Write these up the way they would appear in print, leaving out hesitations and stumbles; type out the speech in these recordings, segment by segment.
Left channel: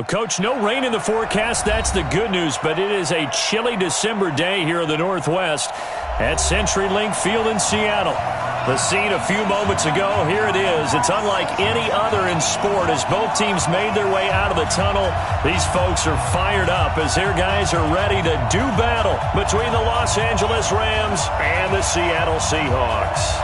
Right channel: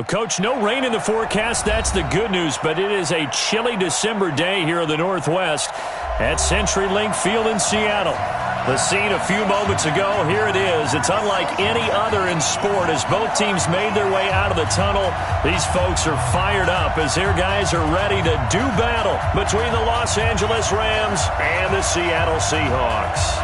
Well, Coach, no rain in the forecast. That's the good news, but it is a chilly December day here in the Northwest at CenturyLink Field in Seattle. The scene a few moments ago, here it is. It's unlike any other in sport as both teams made their way out of the tunnel. These folks are fired up as their guys are ready to do battle between the Los Angeles Rams and the Seattle Seahawks.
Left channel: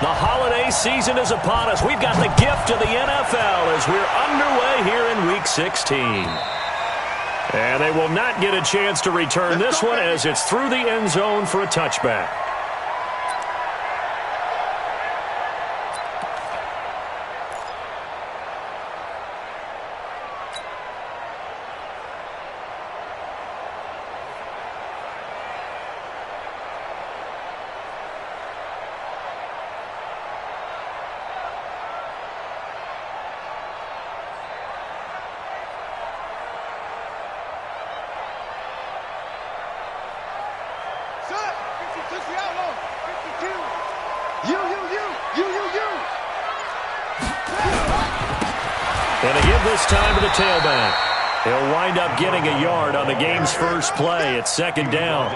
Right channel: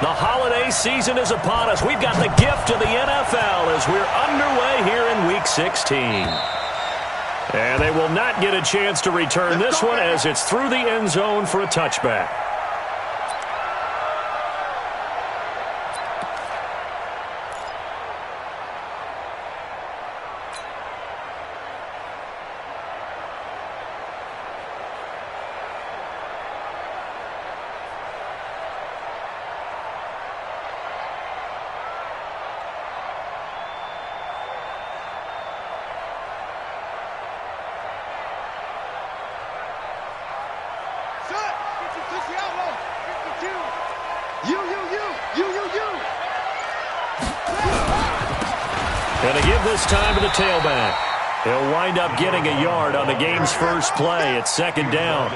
The holiday season is upon us. We've got the gift of the NFL as we're underway here in Week 16. And they will not get a chance to return this one as it's through the end zone for a touchback. And they give this time to the tailback. He'll wind up getting a yard on the game's first play. It's second down.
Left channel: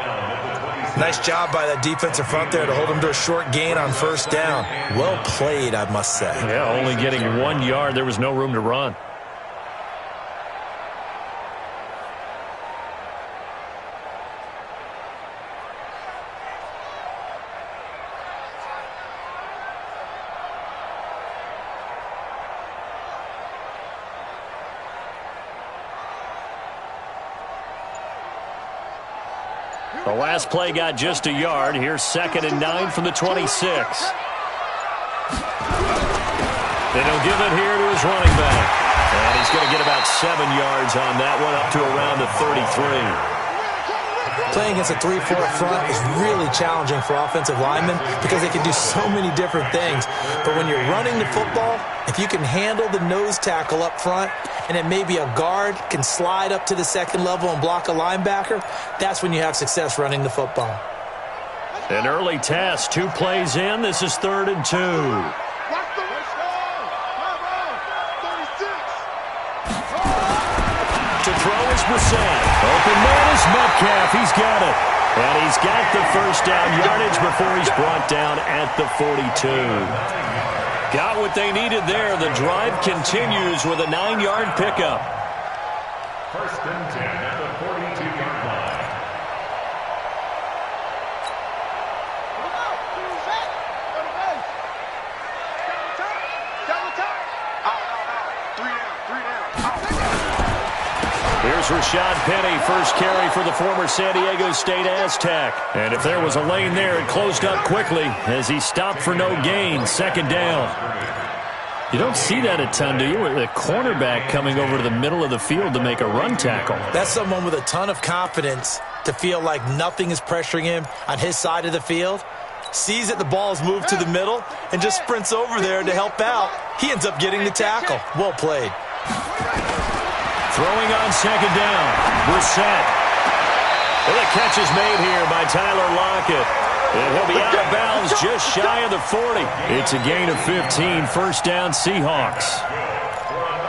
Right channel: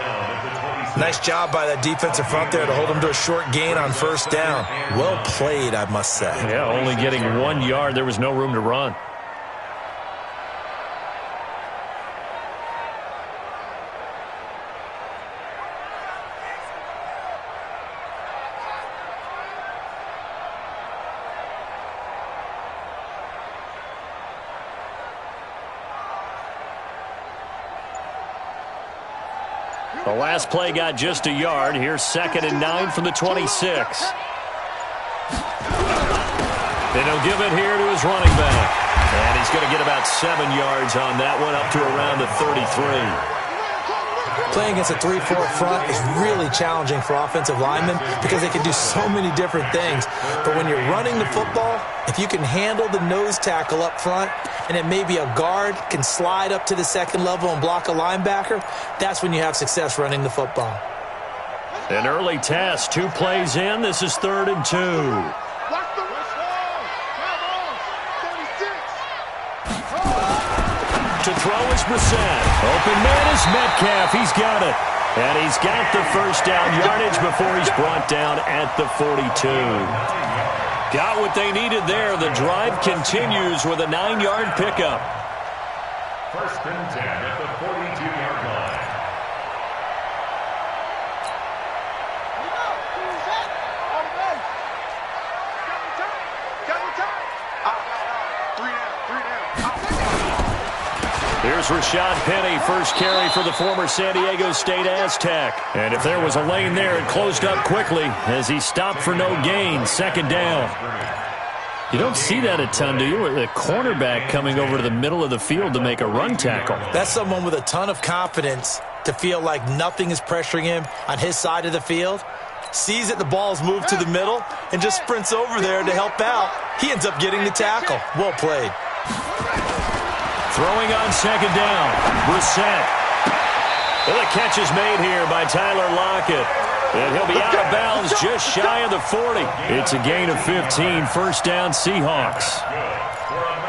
Nice job by that defensive front there to hold him to a short gain on first down. Well played, I must say. Yeah, only getting 1 yard. There was no room to run. The last play got just a yard. Here's 2nd and 9 from the 26. Then he'll give it here to his running back. And he's going to get about 7 yards on that one, up to around the 33. Playing against a 3-4 front is really challenging for offensive linemen because they can do so many different things. But when you're running the football, if you can handle the nose tackle up front and then maybe a guard can slide up to the second level and block a linebacker, that's when you have success running the football. An early test, 2 plays in. This is 3rd and 2. To throw is Brissett. Open man is Metcalf. He's got it. And he's got the first down yardage before he's brought down at the 42. Got what they needed there. The drive continues with a 9-yard pickup. 1st and 10 at the 42-yard line. Here's Rashad Penny, first carry for the former San Diego State Aztec. And if there was a lane there, it closed up quickly as he stopped for no gain. 2nd down. You don't see that a ton, do you? With a cornerback coming over to the middle of the field to make a run tackle. That's someone with a ton of confidence to feel like nothing is pressuring him on his side of the field. Sees that the ball's moved to the middle and just sprints over there to help out. He ends up getting the tackle. Well played. Throwing on 2nd down, Brissett. And the catch is made here by Tyler Lockett. And he'll be out of bounds just shy of the 40. It's a gain of 15, 1st down Seahawks.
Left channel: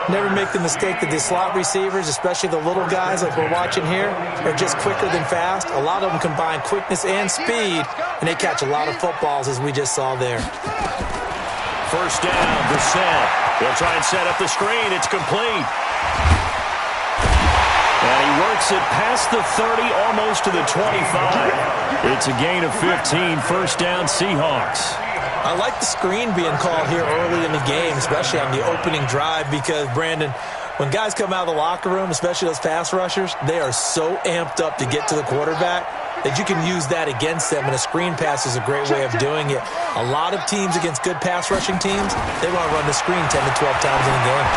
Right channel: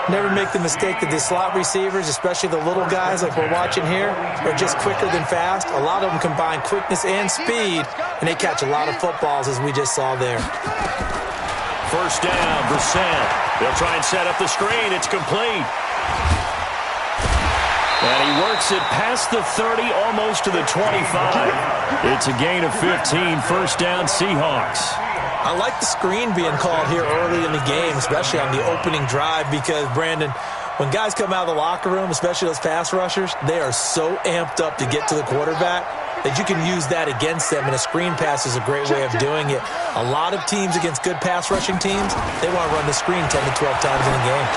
Never make the mistake that the slot receivers, especially the little guys like we're watching here, are just quicker than fast. A lot of them combine quickness and speed, and they catch a lot of footballs as we just saw there. 1st down, Brissett. They'll try and set up the screen. It's complete. And he works it past the 30, almost to the 25. It's a gain of 15, 1st down Seahawks. I like the screen being called here early in the game, especially on the opening drive, because, Brandon, when guys come out of the locker room, especially those pass rushers, they are so amped up to get to the quarterback that you can use that against them, and a screen pass is a great way of doing it. A lot of teams against good pass rushing teams, they want to run the screen 10 to 12 times in a game.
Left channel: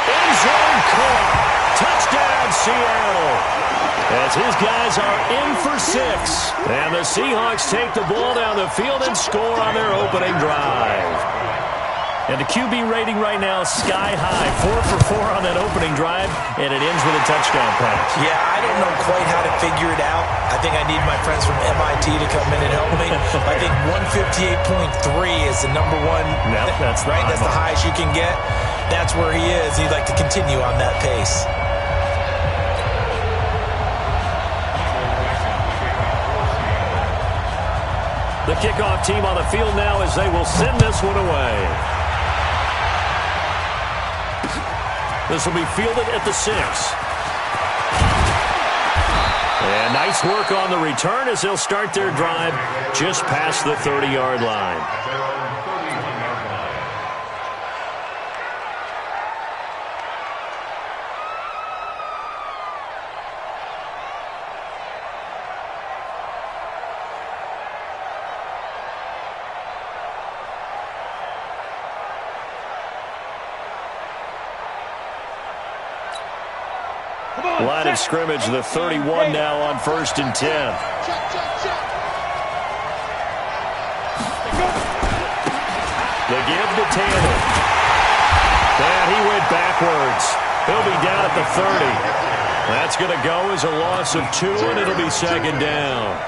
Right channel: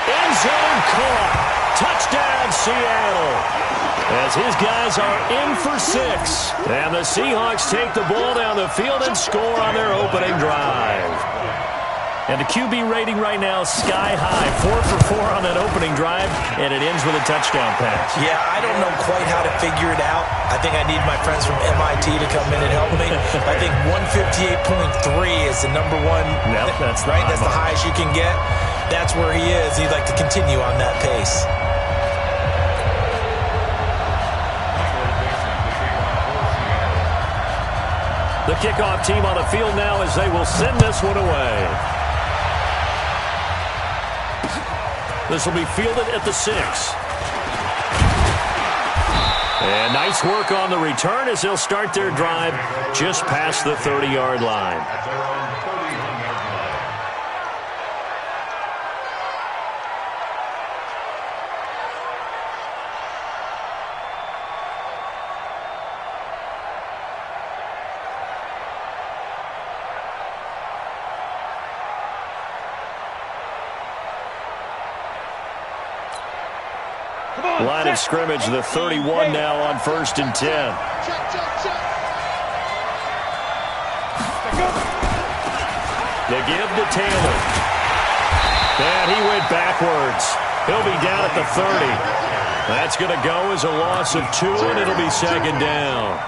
End zone caught. Touchdown, Seattle. As his guys are in for 6. And the Seahawks take the ball down the field and score on their opening drive. And the QB rating right now, sky high. 4 for 4 on that opening drive, and it ends with a touchdown pass. Yeah, I don't know quite how to figure it out. I think I need my friends from MIT to come in and help me. I think 158.3 is the number one. Yep, that's right. That's the highest you can get. That's where he is. He'd like to continue on that pace. The kickoff team on the field now as they will send this one away. This will be fielded at the 6. And nice work on the return as they'll start their drive just past the 30-yard line. Line of scrimmage, the 31 now on 1st and 10. The give to Taylor. And he went backwards. He'll be down at the 30. That's going to go as a loss of 2, and it'll be 2nd down.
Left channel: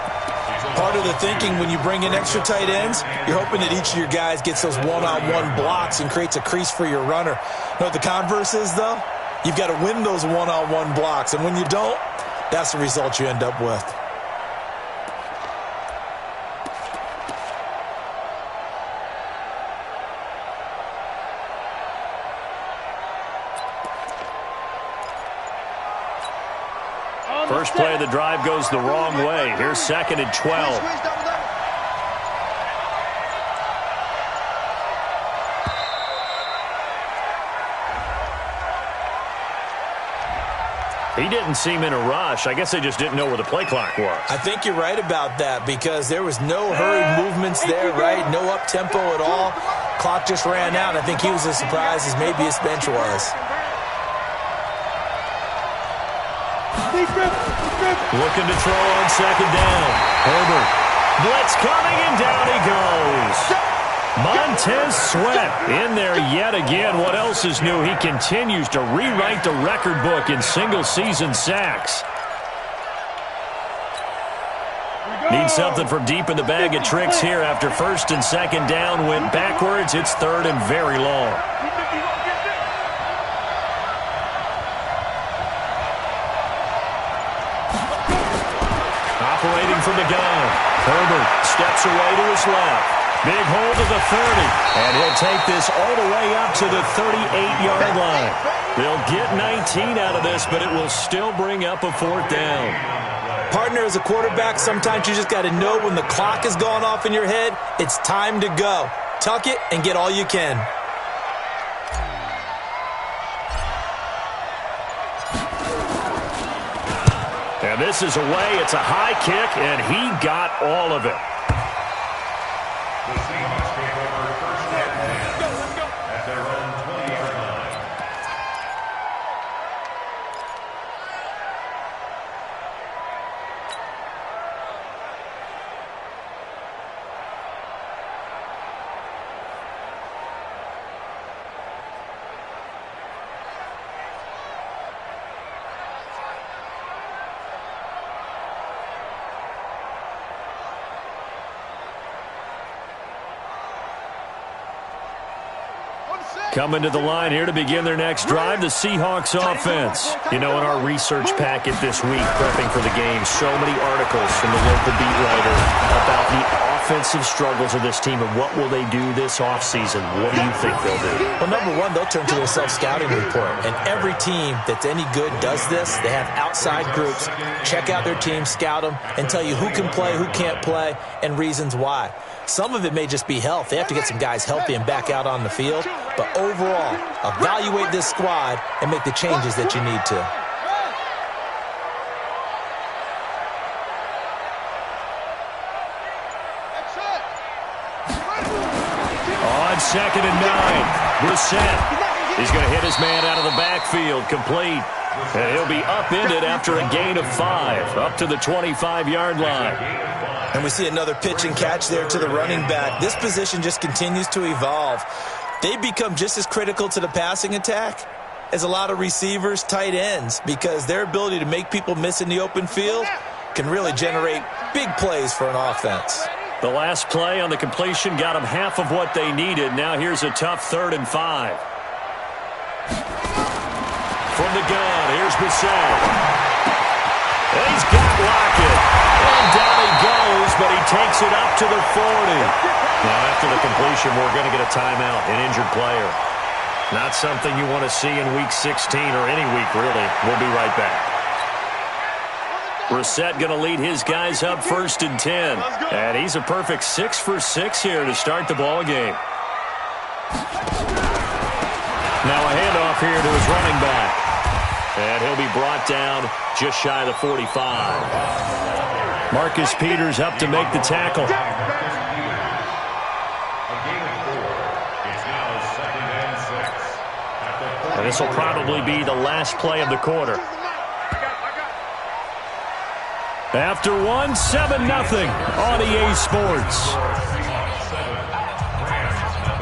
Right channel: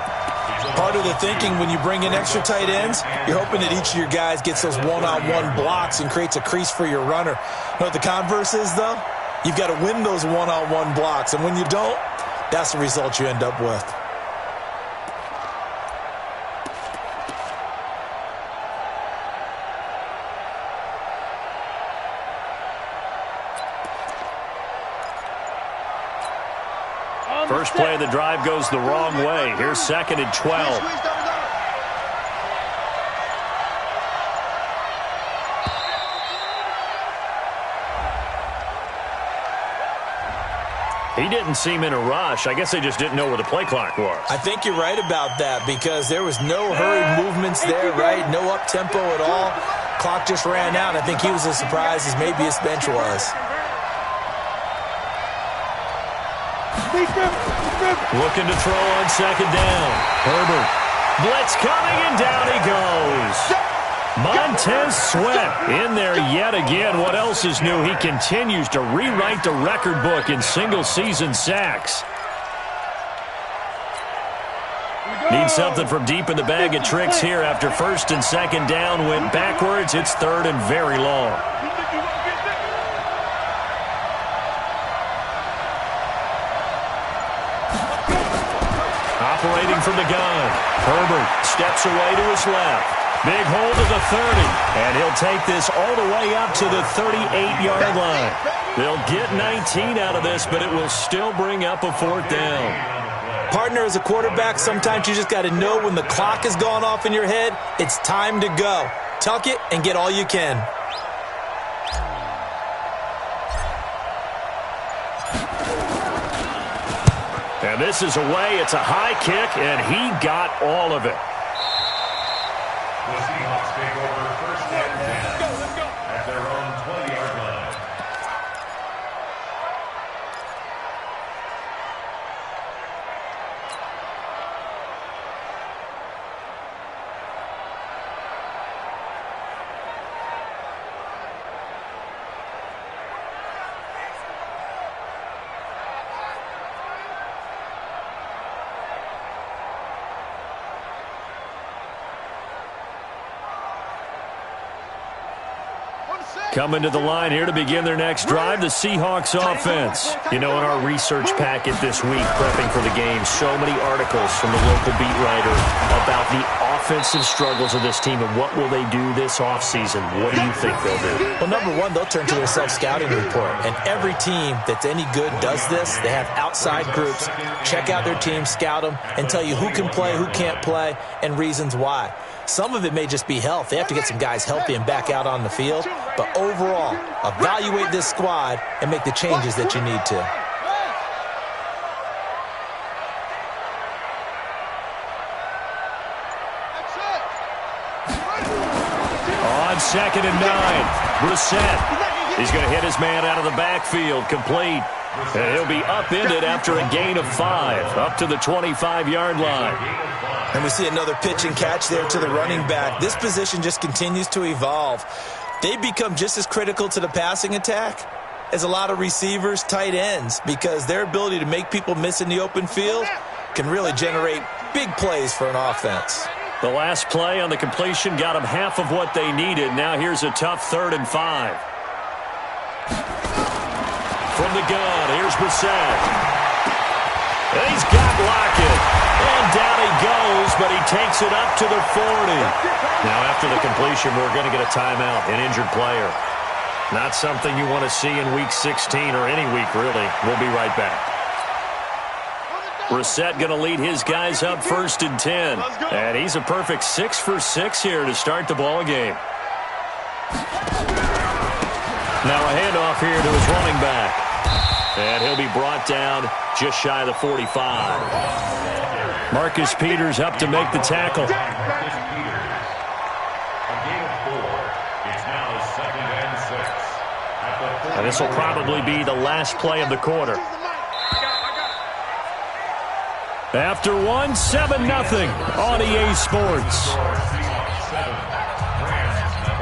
Part of the thinking when you bring in extra tight ends, you're hoping that each of your guys gets those one-on-one blocks and creates a crease for your runner. You know what the converse is, though? You've got to win those one-on-one blocks, and when you don't, that's the result you end up with. First play of the drive goes the wrong way. Here's 2nd and 12. He didn't seem in a rush. I guess they just didn't know where the play clock was. I think you're right about that because there was no hurried movements there, right? No up-tempo at all. Clock just ran out. I think he was as surprised as maybe his bench was. Looking to throw on 2nd down. Herbert. Blitz coming, and down he goes. Montez Sweat in there yet again. What else is new? He continues to rewrite the record book in single-season sacks. Need something from deep in the bag of tricks here after 1st and 2nd down. Went backwards. It's 3rd and very long. Operating from the gun. Herbert steps away to his left. Big hold of the 30, and he'll take this all the way up to the 38-yard line. They'll get 19 out of this, but it will still bring up a 4th down. Partner, as a quarterback, sometimes you just got to know when the clock has gone off in your head, it's time to go. Tuck it and get all you can. And this is away. It's a high kick, and he got all of it. The Seahawks take over 1st and 10 at their own 20-yard line. Coming to the line here to begin their next drive, the Seahawks offense. You know, in our research packet this week, prepping for the game, so many articles from the local beat writer about the offensive struggles of this team and what will they do this offseason. What do you think they'll do? Well, number one, they'll turn to their self-scouting report. And every team that's any good does this. They have outside groups. Check out their team, scout them, and tell you who can play, who can't play, and reasons why. Some of it may just be health. They have to get some guys healthy and back out on the field. But overall, evaluate this squad and make the changes that you need to. On 2nd and 9, Brissett. He's going to hit his man out of the backfield, complete. And he'll be upended after a gain of 5, up to the 25-yard line. And we see another pitch and catch there to the running back. This position just continues to evolve. they become just as critical to the passing attack as a lot of receivers, tight ends, because their ability to make people miss in the open field can really generate big plays for an offense. The last play on the completion got them half of what they needed. Now here's a tough 3rd and 5. From the gun, here's Brissett. And he's got Lockett. And down he goes, but he takes it up to the 40. Now after the completion, we're going to get a timeout, an injured player. Not something you want to see in Week 16 or any week, really. We'll be right back. Brissett going to lead his guys up 1st and 10. And he's a perfect 6 for 6 here to start the ball game. Now a handoff here to his running back. And he'll be brought down just shy of the 45. Marcus Peters up to make the tackle. A gain of 4. It's now 2nd and 6. And this will probably be the last play of the quarter. After one, 7-0 on EA Sports. Seahawks 7, Rams 0.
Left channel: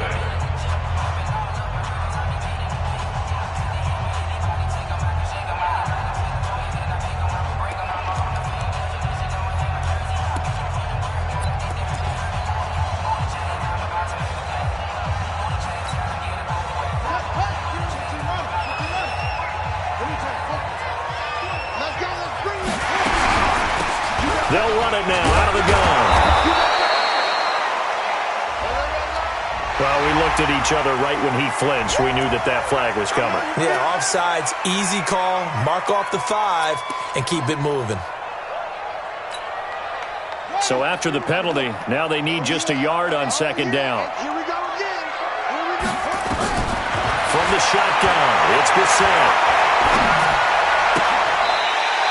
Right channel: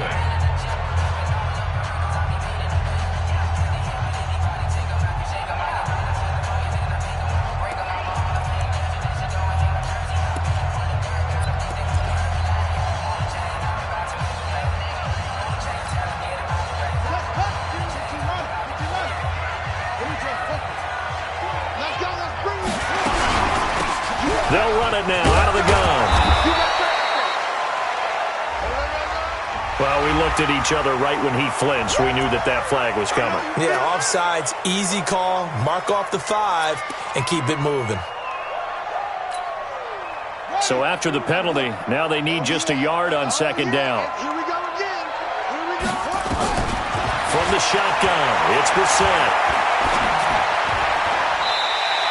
They'll run it now out of the gun. Well, we looked at each other right when he flinched. We knew that that flag was coming. Yeah, offsides, easy call, mark off the 5, and keep it moving. So after the penalty, now they need just a yard on 2nd down. Here we go again. Here we go. From the shotgun, it's Brissett.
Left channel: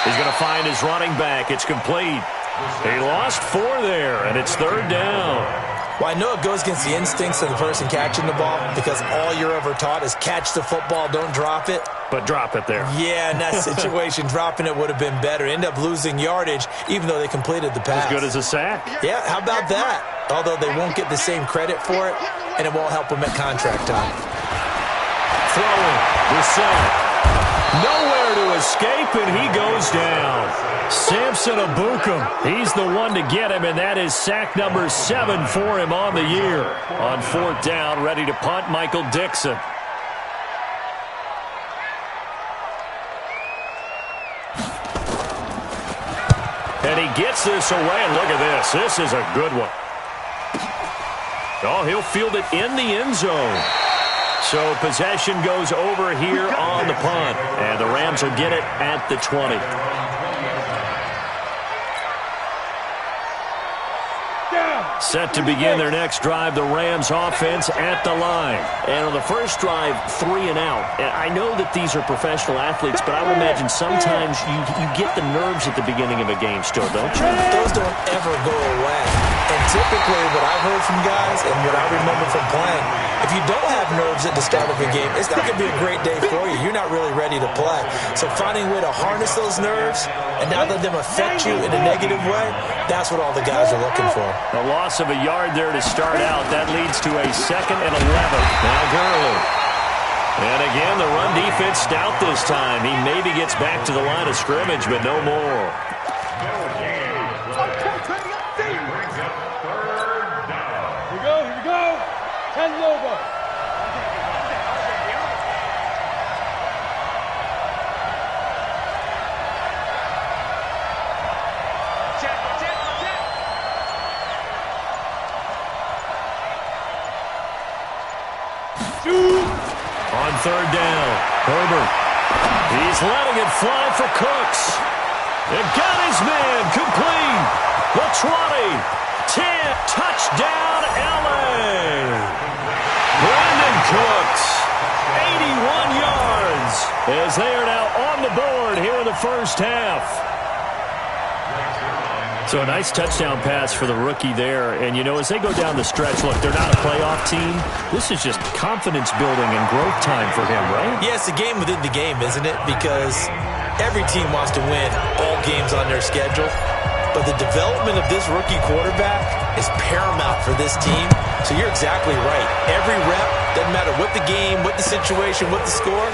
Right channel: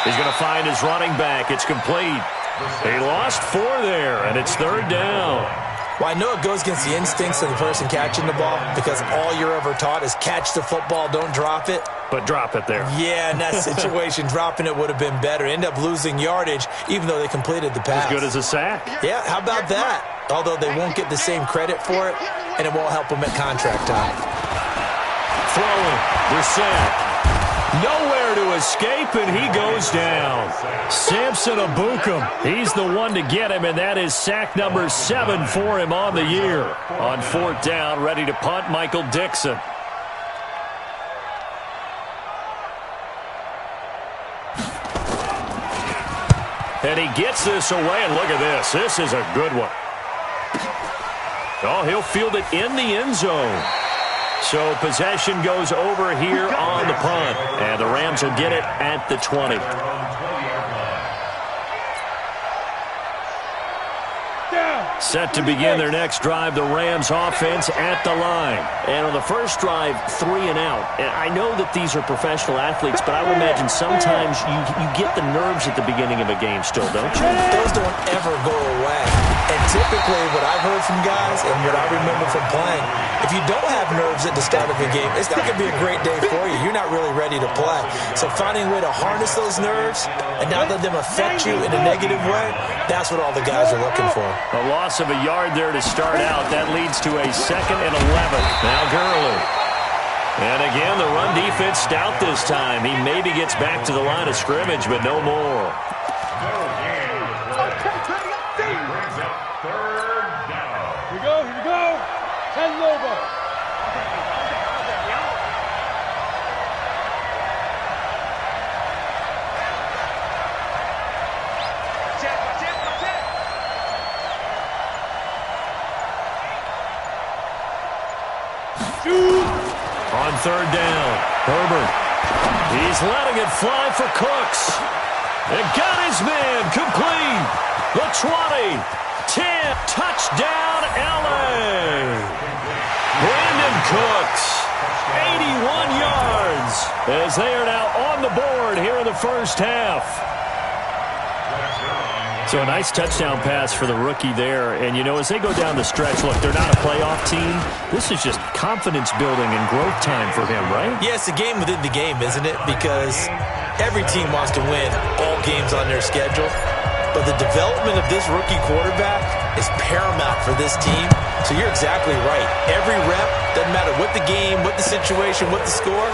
He's going to find his running back. It's complete. He lost 4 there, and it's 3rd down. Well, I know it goes against the instincts of the person catching the ball because all you're ever taught is catch the football, don't drop it. But drop it there. Yeah, in that situation, dropping it would have been better. End up losing yardage, even though they completed the pass. As good as a sack. Yeah, how about that? Although they won't get the same credit for it, and it won't help them at contract time. Throwing, Brissett. Nowhere to escape, and he goes down. Samson Abukum, he's the one to get him, and that is sack number 7 for him on the year. On 4th down, ready to punt, Michael Dixon. And he gets this away, and look at this. This is a good one. Oh, he'll field it in the end zone. So possession goes over here on the punt, and the Rams will get it at the 20. Set to begin their next drive, the Rams offense at the line. And on the first drive, 3 and out. And I know that these are professional athletes, but I would imagine sometimes you get the nerves at the beginning of a game still, don't you? Those don't ever go away. And typically what I've heard from guys and what I remember from playing, if you don't have nerves at the start of a game, it's not going to be a great day for you. You're not really ready to play. So finding a way to harness those nerves and not let them affect you in a negative way, that's what all the guys are looking for. A loss of a yard there to start out. That leads to a 2nd and 11. Now Gurley. And again, the run defense stout this time. He maybe gets back to the line of scrimmage, but no more. Here we go. 10 Lobo. On 3rd down, Herbert. He's letting it fly for Cooks. And got his man complete. The 20, 10, touchdown LA. Brandon Cooks, 81 yards, as they are now on the board here in the first half. So a nice touchdown pass for the rookie there. And, you know, as they go down the stretch, look, they're not a playoff team. This is just confidence building and growth time for him, right? Yeah, it's a game within the game, isn't it? Because every team wants to win all games on their schedule. but the development of this rookie quarterback is paramount for this team. So you're exactly right. Every rep, doesn't matter what the game, what the situation, what the score,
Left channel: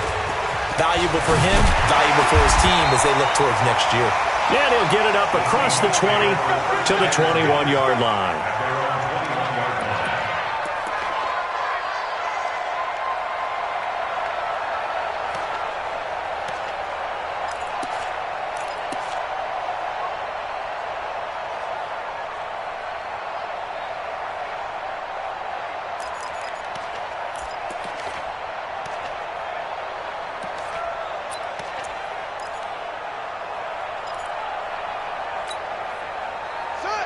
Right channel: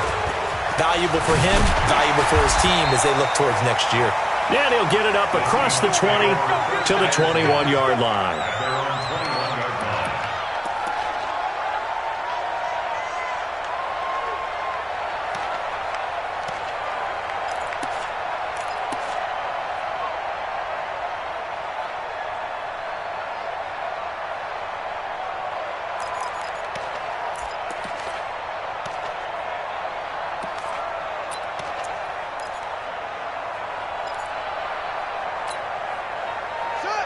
valuable for him, valuable for his team as they look towards next year. And he'll get it up across the 20 to the 21-yard line.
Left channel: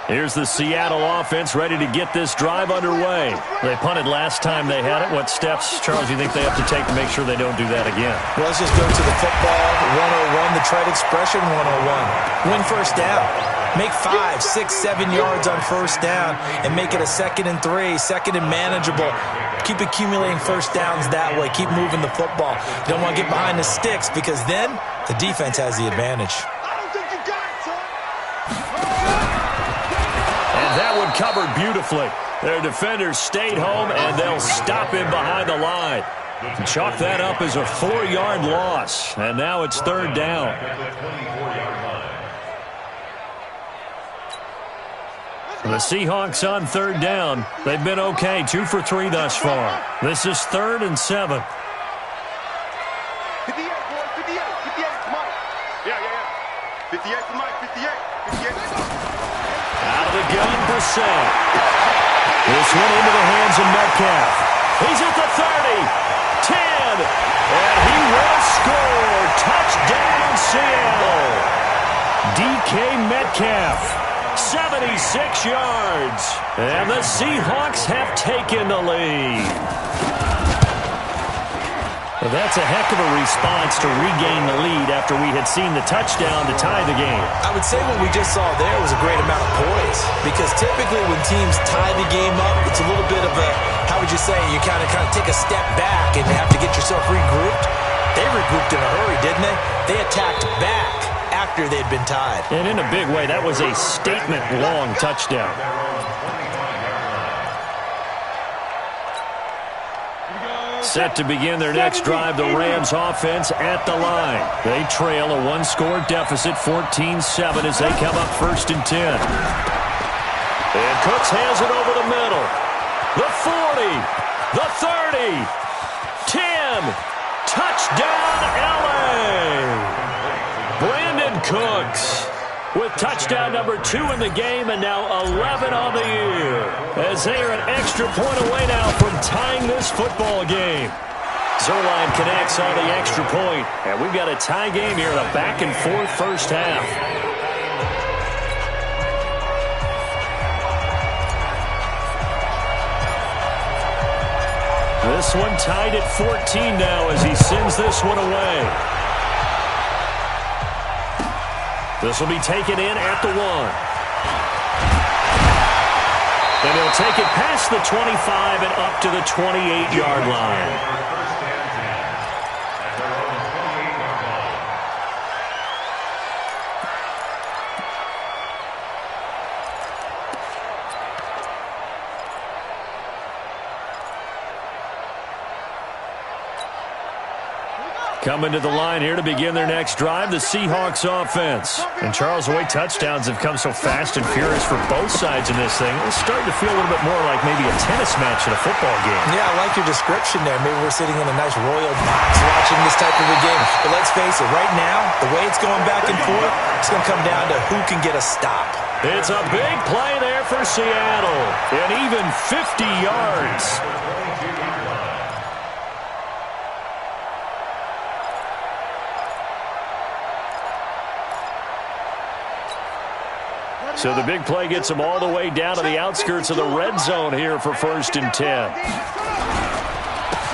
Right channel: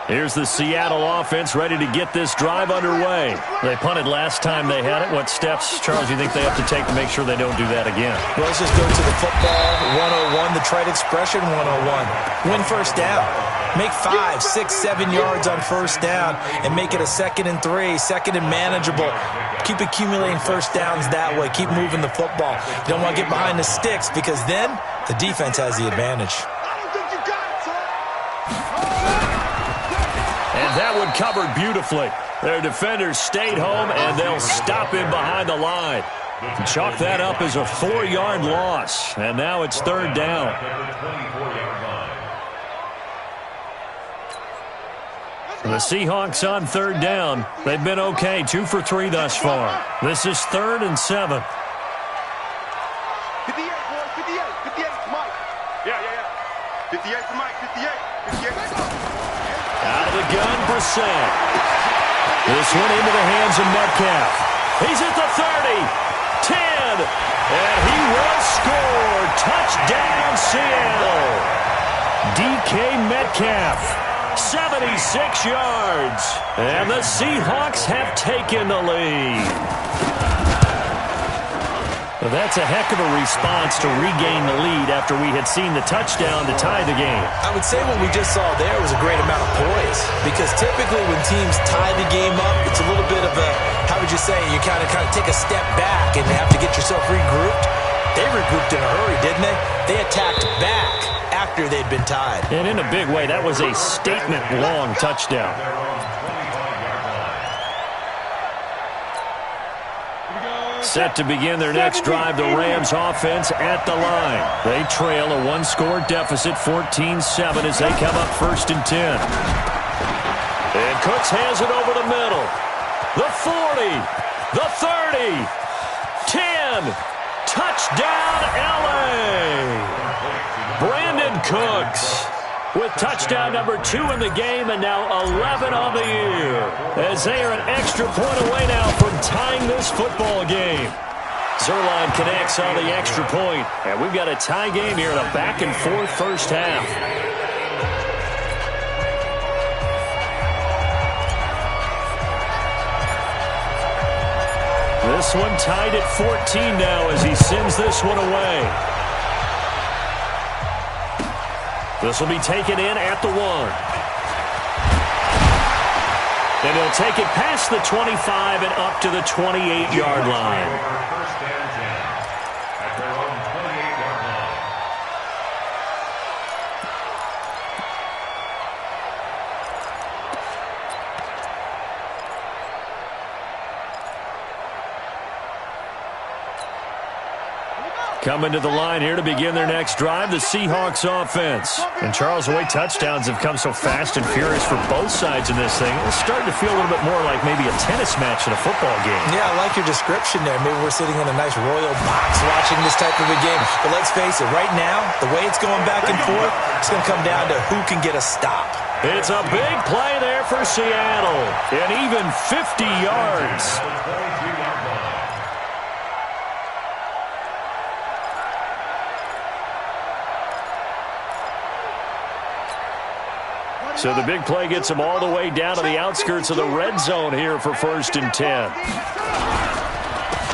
Here's the Seattle offense ready to get this drive underway. They punted last time they had it. What steps, Charles, do you think they have to take to make sure they don't do that again? Well, let's just go to the football 101, the trite expression 101. Win first down. Make 5, 6, 7 yards on first down and make it a 2nd and 3, 2nd and manageable. Keep accumulating first downs that way. Keep moving the football. You don't want to get behind the sticks because then the defense has the advantage. And that one covered beautifully. Their defenders stayed home, and they'll stop him behind the line. Chalk that up as a 4-yard loss, and now it's 3rd down. The Seahawks on 3rd down. They've been okay, 2 for 3 thus far. This is 3rd and 7. 58, boys, 58, 58, Mike. Yeah. 58 for Mike, 58, 58. Out of the gun, Brissett. This one into the hands of Metcalf. He's at the 30, 10, and he will score. Touchdown, Seattle. DK Metcalf, 76 yards. And the Seahawks have taken the lead. Well, that's a heck of a response to regain the lead after we had seen the touchdown to tie the game. I would say what we just saw there was a great amount of poise because typically when teams tie the game up, it's a little bit of a, how would you say, you kind of take a step back and have to get yourself regrouped. They regrouped in a hurry, didn't they? They attacked back after they'd been tied. And in a big way, that was a statement-long touchdown. Set to begin their next drive, the Rams offense at the line. They trail a 1-score deficit, 14-7 as they come up 1st and 10. And Cooks has it over the middle. The 40, the 30, 10. Touchdown, L.A. Brandon Cooks with touchdown number 2 in the game and now 11 on the year. As they are an extra point away now from tying this football game. Zerline connects on the extra point. And we've got a tie game here in a back-and-forth first half. This one tied at 14 now as he sends this one away. This will be taken in at the 1. And he'll take it past the 25 and up to the 28-yard line. First and 10 at their own 28-yard line. Coming to the line here to begin their next drive, the Seahawks offense. And Charles, the way touchdowns have come so fast and furious for both sides in this thing, it's starting to feel a little bit more like maybe a tennis match in a football game. Yeah, I like your description there. Maybe we're sitting in a nice royal box watching this type of a game. But let's face it, right now, the way it's going back and forth, it's going to come down to who can get a stop. It's a big play there for Seattle. And even 50 yards. So the big play gets him all the way down to the outskirts of the red zone here for 1st and 10.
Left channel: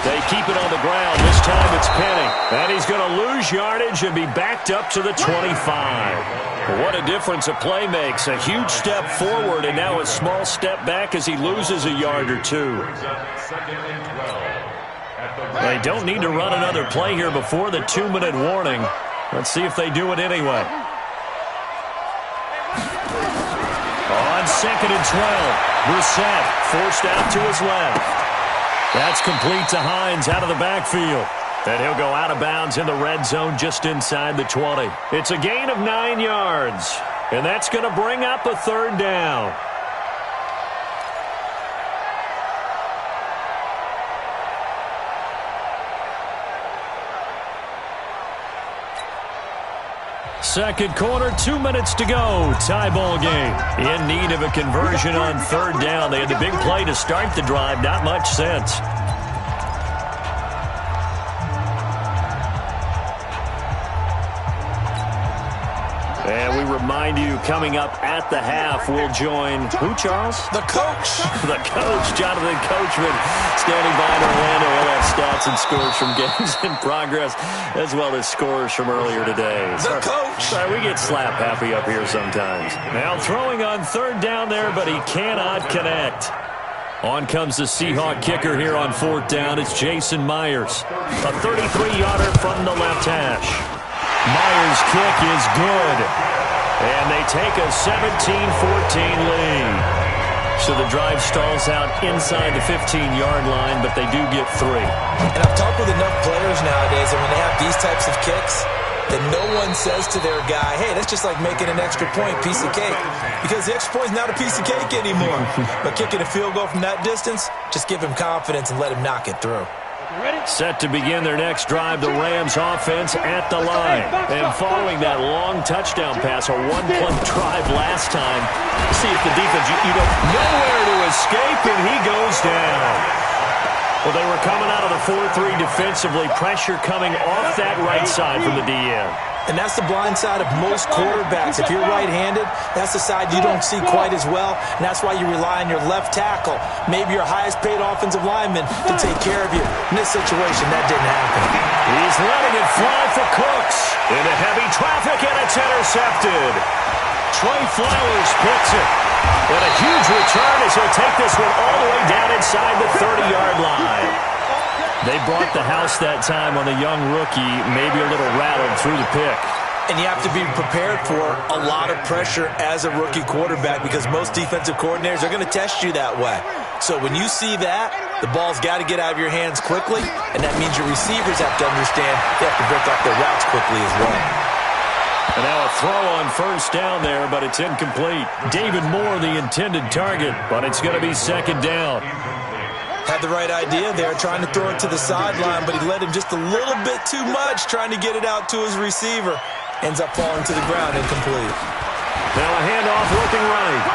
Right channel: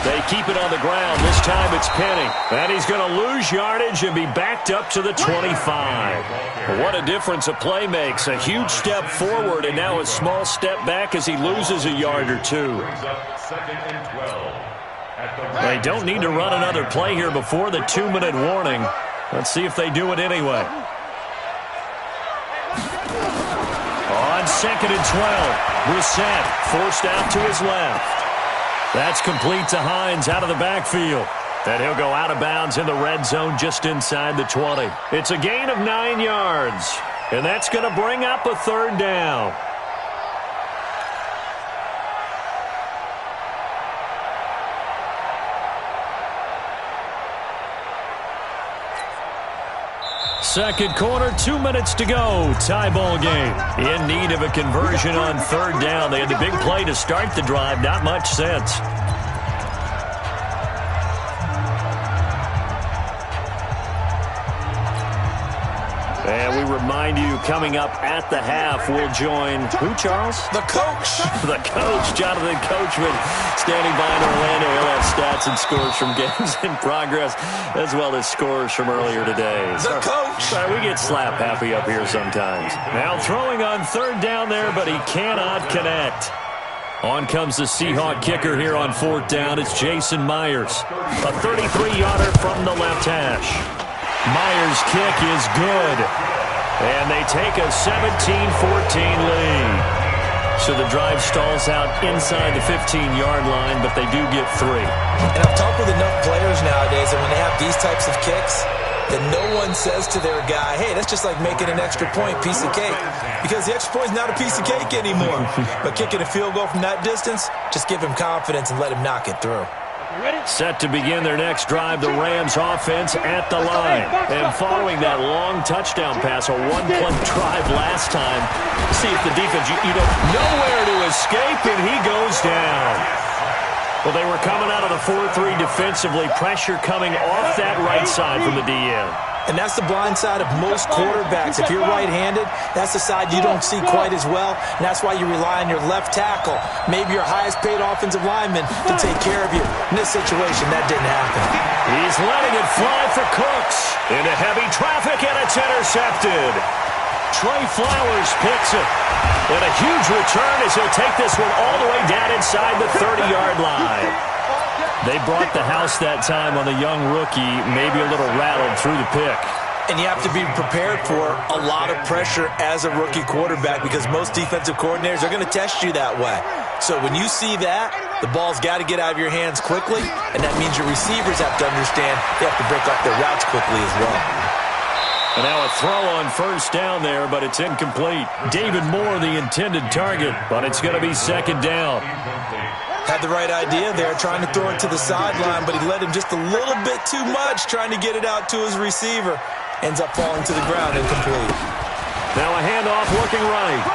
They keep it on the ground. This time it's Penny. And he's going to lose yardage and be backed up to the 25. What a difference a play makes. A huge step forward and now a small step back as he loses a yard or 2. They don't need to run another play here before the 2-minute warning. Let's see if they do it anyway. 2nd and 12. Brissett forced out to his left. That's complete to Hines out of the backfield. And he'll go out of bounds in the red zone just inside the 20. It's a gain of 9 yards. And that's going to bring up a 3rd down. Second quarter, 2 minutes to go. Tie ball game. In need of a conversion on 3rd down. They had the big play to start the drive. Not much sense. And we remind you, coming up at the half, we'll join who, Charles? The coach. The coach, Jonathan Coachman, standing by in Orlando. He'll have stats and scores from games in progress, as well as scores from earlier today. The coach. Sorry, we get slap happy up here sometimes. Now throwing on 3rd down there, but he cannot connect. On comes the Seahawk kicker here on 4th down. It's Jason Myers. A 33-yarder from the left hash. Myers' kick is good. And they take a 17-14 lead. So the drive stalls out inside the 15-yard line, but they do get 3. And I've talked with enough players nowadays, and when they have these types of kicks, that no one says to their guy, hey, that's just like making an extra point, piece of cake. Because the extra point is not a piece of cake anymore. But kicking a field goal from that distance, just give him confidence and let him knock it through. Set to begin their next drive, the Rams offense at the line. And following that long touchdown pass, a one-play drive last time, see if the defense, you know, nowhere to escape, and he goes down. Well, they were coming out of the 4-3 defensively, pressure coming off that right side from the DN. And that's the blind side of most quarterbacks. If you're right-handed, that's the side you don't see quite as well, and that's why you rely on your left tackle, maybe your highest-paid offensive lineman, to take care of you. In this situation, that didn't happen. He's letting it fly for Cooks. Into heavy traffic, and it's intercepted. Trey Flowers picks it. And a huge return as he'll take this one all the way down inside the 30-yard line. They brought the house that time on the young rookie, maybe a little rattled through the pick. And you have to be prepared for a lot of pressure as a rookie quarterback because most defensive coordinators are going to test you that way. So when you see that, the ball's got to get out of your hands quickly, and that means your receivers have to understand they have to break off their routes quickly as well. And now a throw on 1st down there, but it's incomplete. David Moore, the intended target, but it's going to be 2nd down. Had the right idea there, trying to throw it to the sideline, but he led him just a little bit too much, trying to get it out to his receiver. Ends up falling to the ground, incomplete. Now a handoff looking right.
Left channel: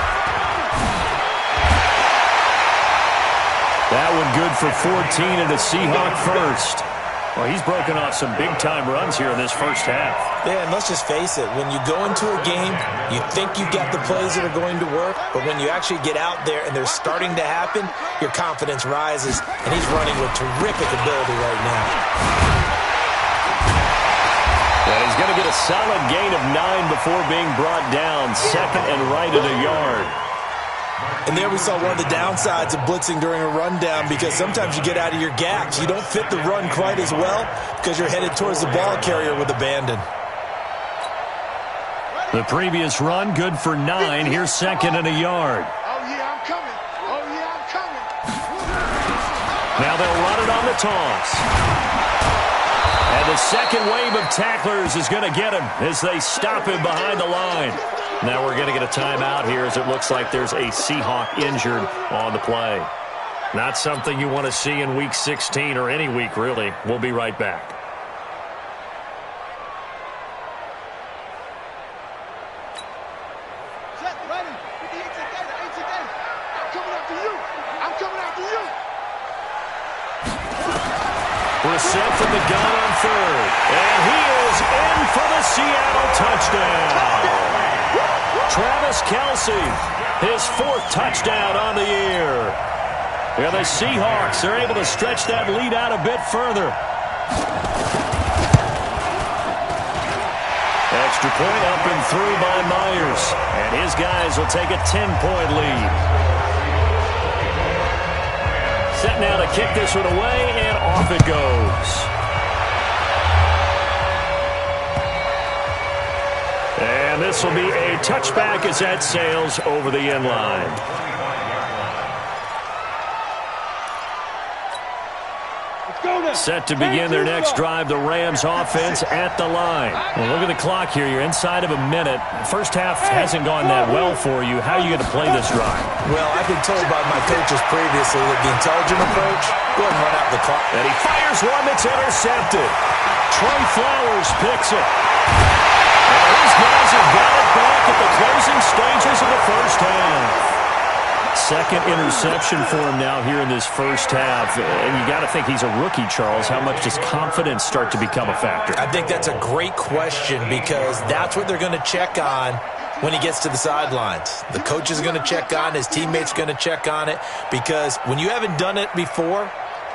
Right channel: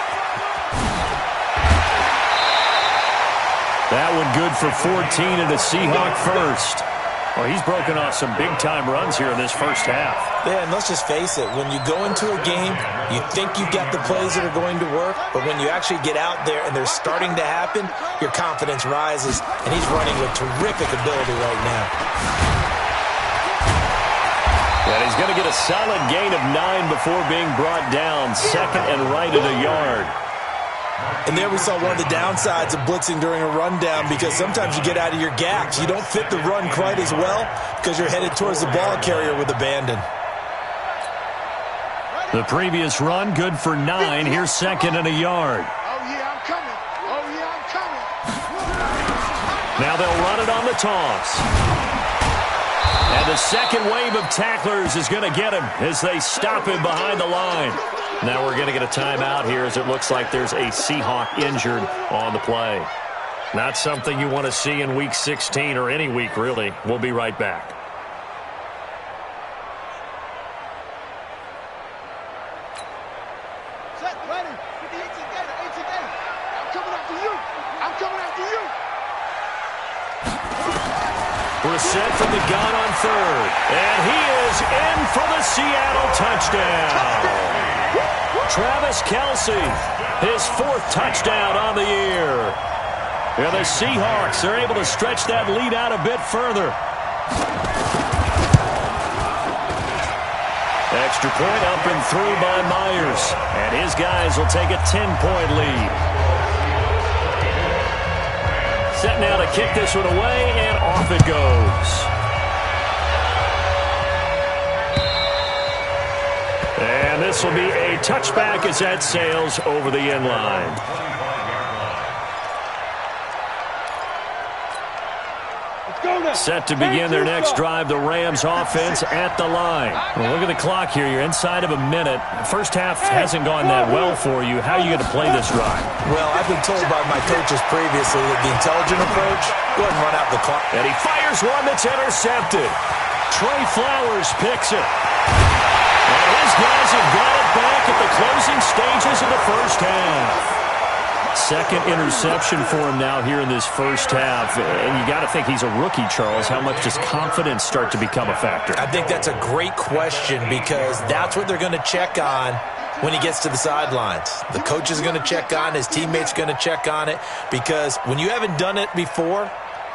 That one good for 14 and a Seahawk first. Well, he's broken off some big-time runs here in this first half. Yeah, and let's just face it. When you go into a game, you think you've got the plays that are going to work, but when you actually get out there and they're starting to happen, your confidence rises, and he's running with terrific ability right now. And he's going to get a solid gain of 9 before being brought down. 2nd and right at a yard. And there we saw one of the downsides of blitzing during a rundown because sometimes you get out of your gaps. You don't fit the run quite as well because you're headed towards the ball carrier with abandon. The previous run, good for 9. Here's 2nd and a yard. Oh, yeah, I'm coming. Oh, yeah, I'm coming. Now they'll run it on the toss. And the second wave of tacklers is going to get him as they stop him behind the line. Now we're going to get a timeout here as it looks like there's a Seahawk injured on the play. Not something you want to see in Week 16 or any week, really. We'll be right back. Set, ready. 58 together, 8 together. I'm coming after you. I'm coming after you. Brissett from the gun on 3rd. And he is in for the Seattle touchdown. Travis Kelce, his 4th touchdown on the year. Yeah, the Seahawks are able to stretch that lead out a bit further. Extra point up and through by Myers. And his guys will take a 10-point lead. Set now to kick this one away, and off it goes. And this will be a touchback as that sails over the end line. Set to begin their next drive, the Rams offense at the line. Well, look at the clock here. You're inside of a minute. First half hasn't gone that well for you. How are you going to play this drive? Well, I've been told by my coaches previously that the intelligent approach, go ahead and run out the clock. And he fires one that's intercepted. Trey Flowers picks it. And his guys have got it back at the closing stages of the first half. Second interception for him now here in this first half. And you got to think he's a rookie, Charles. How much does confidence start to become a factor? I think that's a great question because that's what they're going to check on when he gets to the sidelines. The coach is going to check on it. His teammates are going to check on it because when you haven't done it before,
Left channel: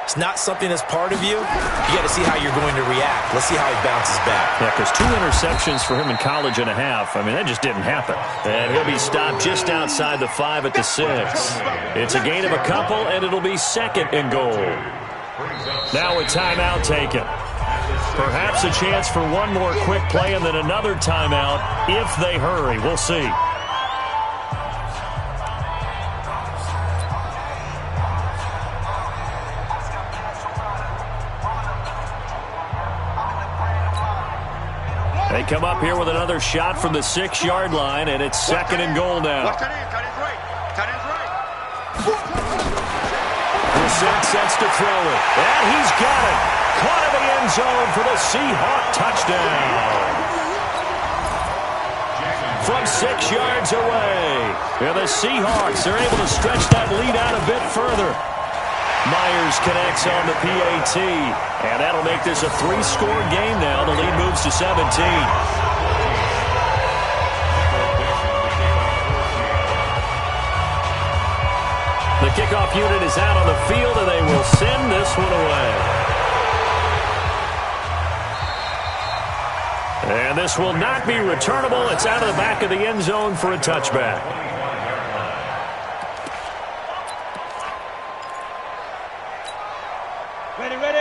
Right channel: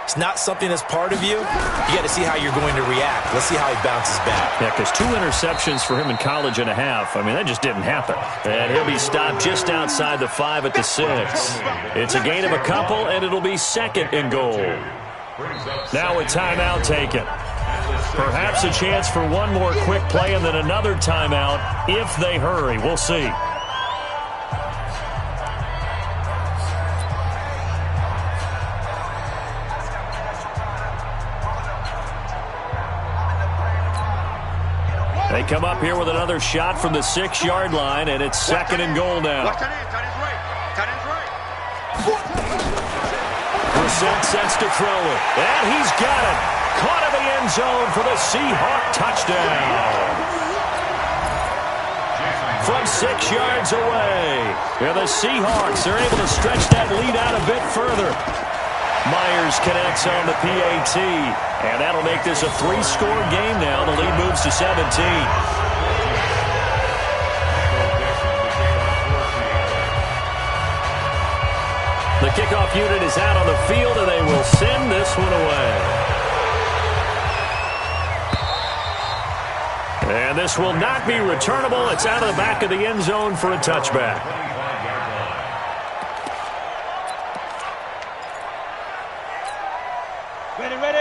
it's not something that's part of you. You got to see how you're going to react. Let's see how he bounces back. Yeah, because 2 interceptions for him in college and a half. I mean, that just didn't happen. And he'll be stopped just outside the 5 at the 6. It's a gain of a couple, and it'll be second and goal. Now a timeout taken. Perhaps a chance for one more quick play and then another timeout if they hurry. We'll see. They come up here with another shot from the 6-yard line, and it's second and goal now. Watch tight end. Tight end's right. Tight end's right. Brissett sets to throw it. And he's got it. Caught in the end zone for the Seahawk touchdown. From 6 yards away. And the Seahawks are able to stretch that lead out a bit further. Myers connects on the PAT, and that'll make this a 3-score game now. The lead moves to 17. The kickoff unit is out on the field, and they will send this one away. And this will not be returnable. It's out of the back of the end zone for a touchback.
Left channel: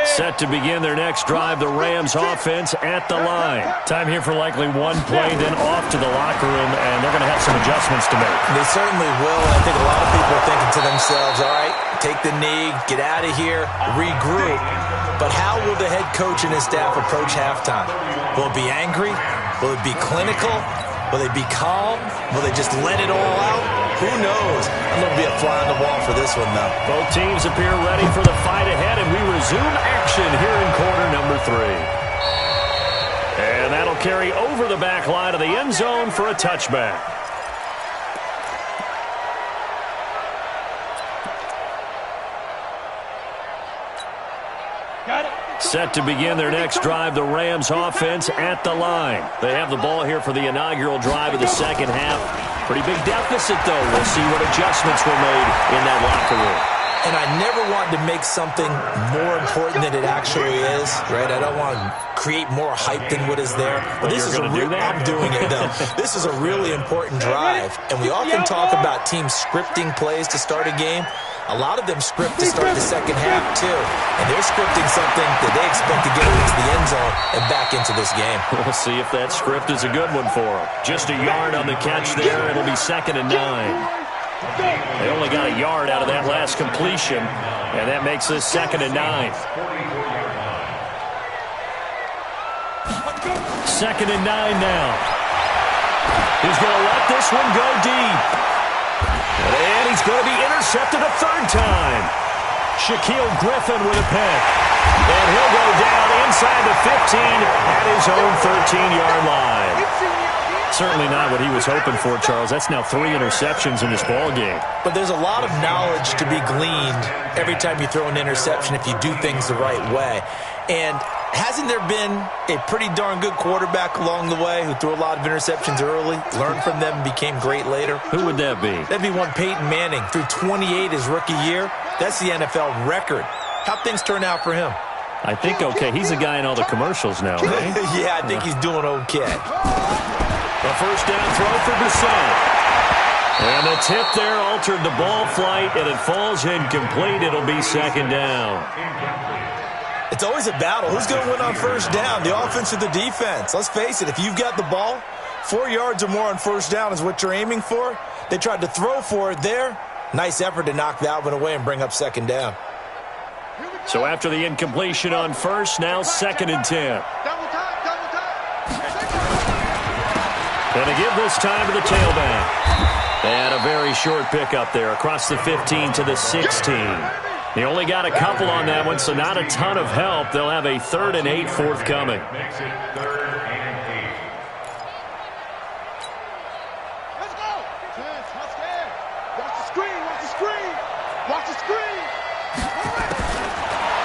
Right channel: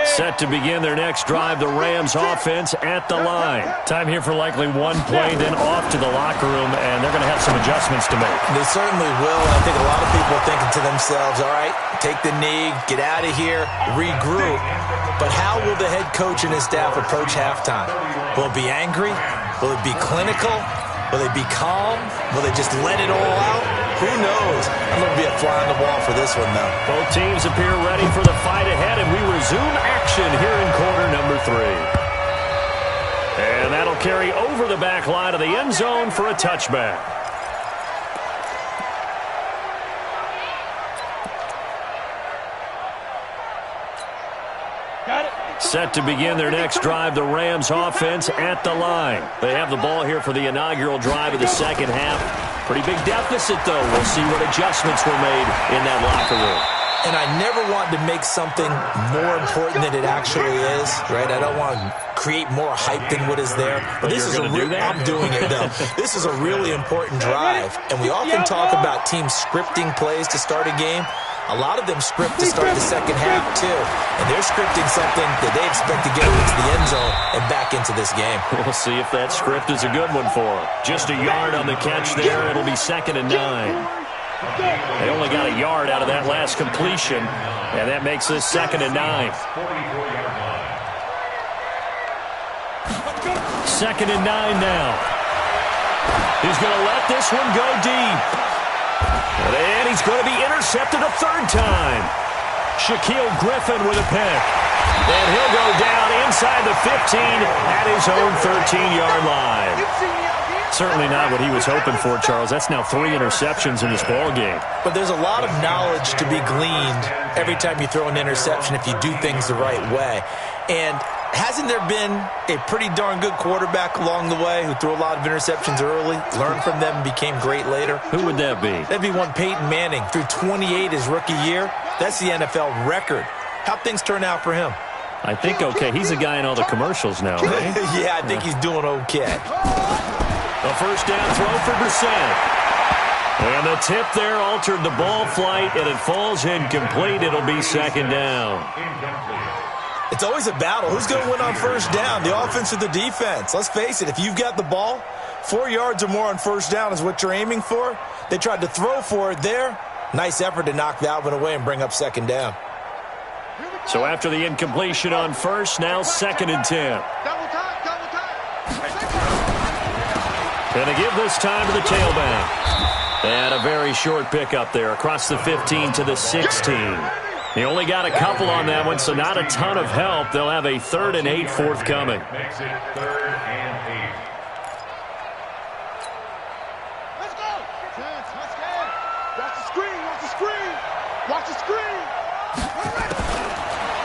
Set to begin their next drive, the Rams offense at the line. Time here for likely one play, then off to the locker room, and they're going to have some adjustments to make. They certainly will. I think a lot of people are thinking to themselves, all right, take the knee, get out of here, regroup. But how will the head coach and his staff approach halftime? Will it be angry? Will it be clinical? Will they be calm? Will they just let it all out? Who knows? I'm going to be a fly on the wall for this one, though. Both teams appear ready for the fight ahead, and we resume action here in quarter number 3. And that'll carry over the back line of the end zone for a touchback. Got it. Set to begin their next drive, the Rams offense at the line. They have the ball here for the inaugural drive of the second half. Pretty big deficit, though. We'll see what adjustments were made in that locker room. And I never want to make something more important than it actually is, right? I don't want to create more hype than what is there. But this is I'm doing it, though. This is a really important drive. And we often talk about teams scripting plays to start a game. A lot of them script to start the second half, too. And they're scripting something that they expect to get into the end zone and back into this game. We'll see if that script is a good one for them. Just a yard on the catch there. It'll be second and 9. They only got a yard out of that last completion, and that makes this second and 9. Second and 9 now. He's going to let this one go deep. And he's going to be intercepted a third time. Shaquille Griffin with a pick. And he'll go down inside the 15 at his own 13-yard line. Certainly not what he was hoping for, Charles. That's now 3 interceptions in this ball game. But there's a lot of knowledge to be gleaned every time you throw an interception if you do things the right way. And hasn't there been a pretty darn good quarterback along the way who threw a lot of interceptions early, learned from them, and became great later? Who would that be? That'd be one Peyton Manning. Threw 28 his rookie year. That's the NFL record. How'd things turn out for him? I think okay. He's a guy in all the commercials now, right? Yeah, I think he's doing okay. A first down throw for Brissett. And the tip there altered the ball flight, and it falls incomplete. It'll be second down. It's always a battle. Who's going to win on first down, the offense or the defense? Let's face it, if you've got the ball, 4 yards or more on first down is what you're aiming for. They tried to throw for it there. Nice effort to knock that one away and bring up second down. So after the incompletion on first, now 2nd and 10. Double time, double time. Going to give this time to the tailback. And a very short pickup there across the 15 to the 16. He only got a couple on that one, so not a ton of help. They'll have a 3rd and 8 forthcoming. Makes it 3rd and 8. Let's go. Not scared. Watch the screen, watch the screen. Watch the screen.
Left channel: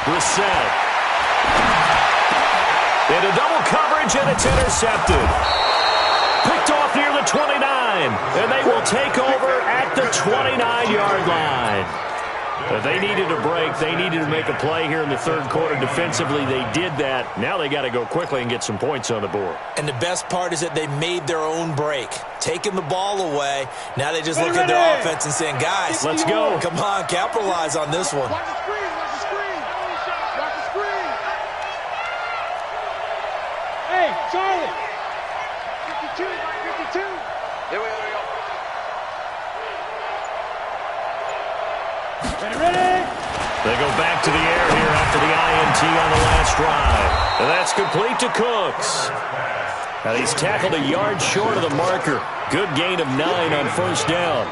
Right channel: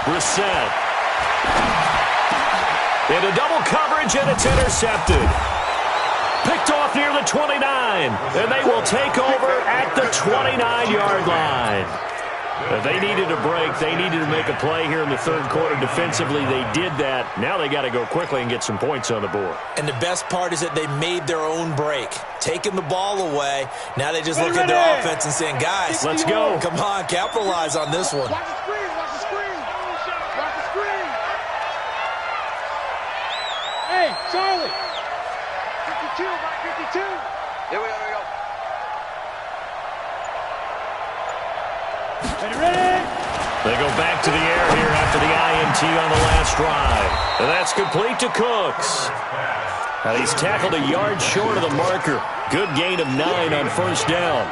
Brissett. Into double coverage, and it's intercepted. Picked off near the 29, and they will take over at the 29-yard line. If they needed a break, they needed to make a play here in the 3rd quarter. Defensively, they did that. Now they got to go quickly and get some points on the board. And the best part is that they made their own break, taking the ball away. Now they just look at their offense and saying, guys, let's go. Come on, capitalize on this one. Watch the screen, watch the screen. Watch the screen. Hey, Charlie. 52, right 52. Here we go. Ready? They go back to the air here after the INT on the last drive. And that's complete to Cooks. And he's tackled a yard short of the marker. Good gain of 9 on first down.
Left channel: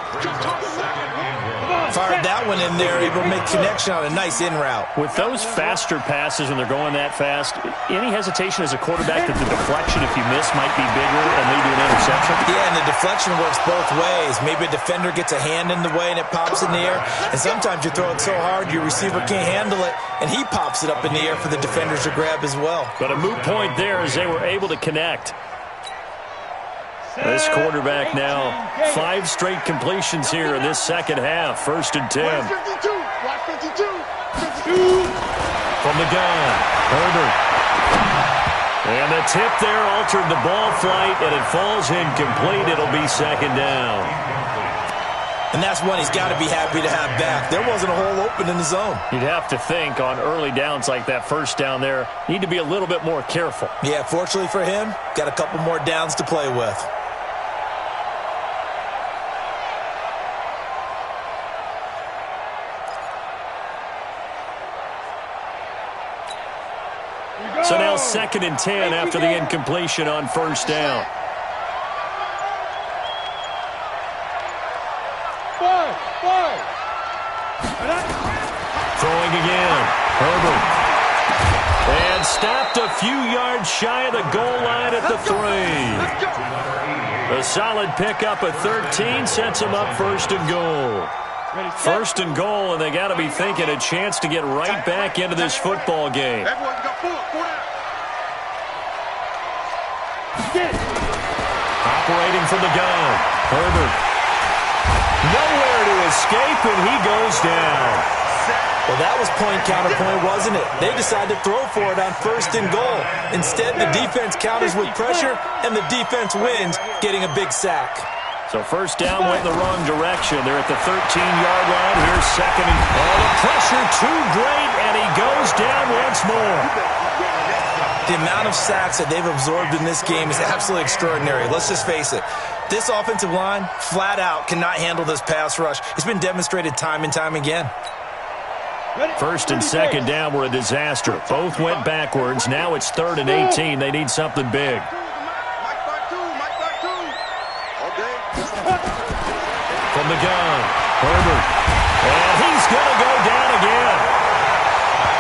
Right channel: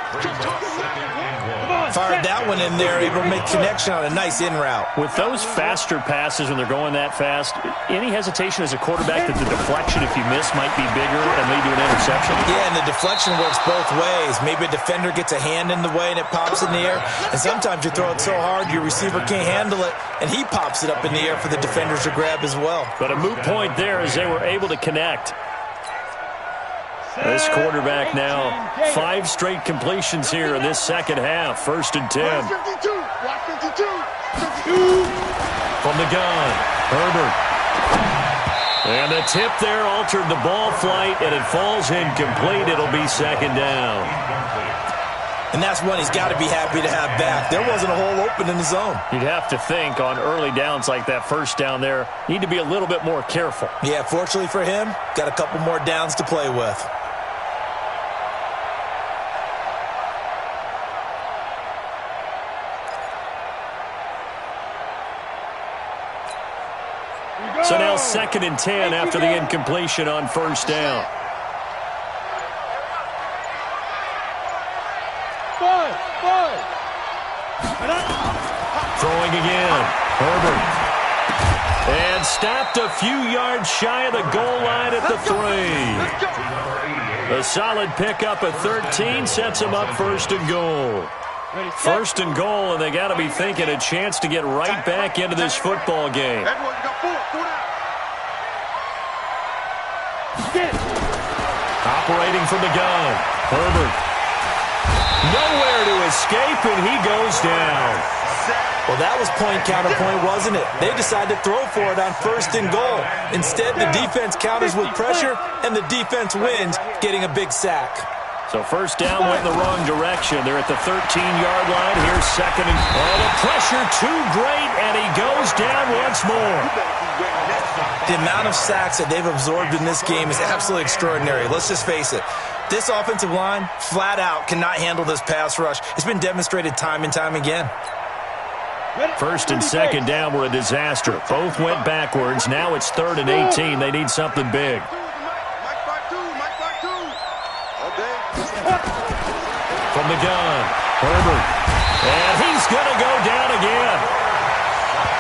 Fired that one in there, able to make connection on a nice in route. With those faster passes when they're going that fast, any hesitation as a quarterback that the deflection, if you miss, might be bigger and lead to an interception? Yeah, and the deflection works both ways. Maybe a defender gets a hand in the way and it pops in the air. And sometimes you throw it so hard your receiver can't handle it, and he pops it up in the air for the defenders to grab as well. But a moot point there as they were able to connect. This quarterback now 5 straight completions here in this second half. 1st and 10. Watch 52. Watch 52. 52. From the gun, Herbert. And the tip there altered the ball flight, and it falls incomplete. It'll be 2nd down. And that's one he's got to be happy to have back. There wasn't a hole open in the zone. You'd have to think on early downs like that first down there, need to be a little bit more careful. Yeah, fortunately for him, got a couple more downs to play with. So now 2nd and 10 after the incompletion on first down. Throwing again. Herbert. And stopped a few yards shy of the goal line at the 3. A solid pickup of 13 sets them up 1st and goal. 1st and goal, and they got to be thinking a chance to get right back into this football game. Everyone, you got 4 down. Operating from the gun, Herbert. Nowhere to escape, and he goes down. Well, that was point counterpoint, wasn't it? They decided to throw for it on 1st and goal. Instead, the defense counters with pressure, and the defense wins, getting a big sack. So first down went in the wrong direction. They're at the 13-yard line. Here's 2nd and... Oh, the pressure too great, and he goes down once more. The amount of sacks that they've absorbed in this game is absolutely extraordinary. Let's just face it. This offensive line, flat out, cannot handle this pass rush. It's been demonstrated time and time again. 1st and 2nd down were a disaster. Both went backwards. Now it's 3rd and 18. They need something big. From the gun, Herbert. And he's going to go down again.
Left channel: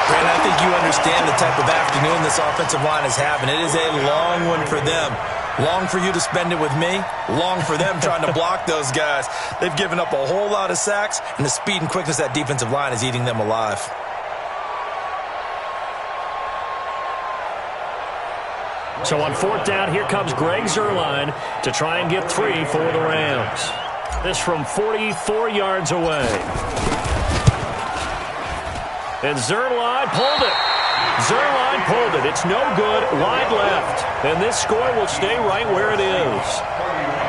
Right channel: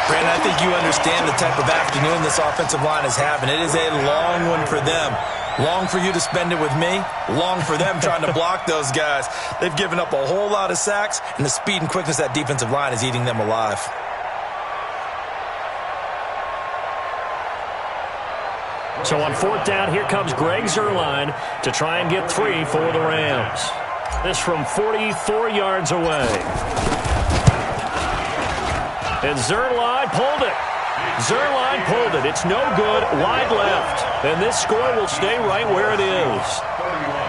Brandon, I think you understand the type of afternoon this offensive line is having. It is a long one for them. Long for you to spend it with me. Long for them trying to block those guys. They've given up a whole lot of sacks, and the speed and quickness of that defensive line is eating them alive. So on 4th down, here comes Greg Zuerlein to try and get 3 for the Rams. This from 44 yards away. And Zuerlein pulled it. Zuerlein pulled it. It's no good. Wide left. And this score will stay right where it is.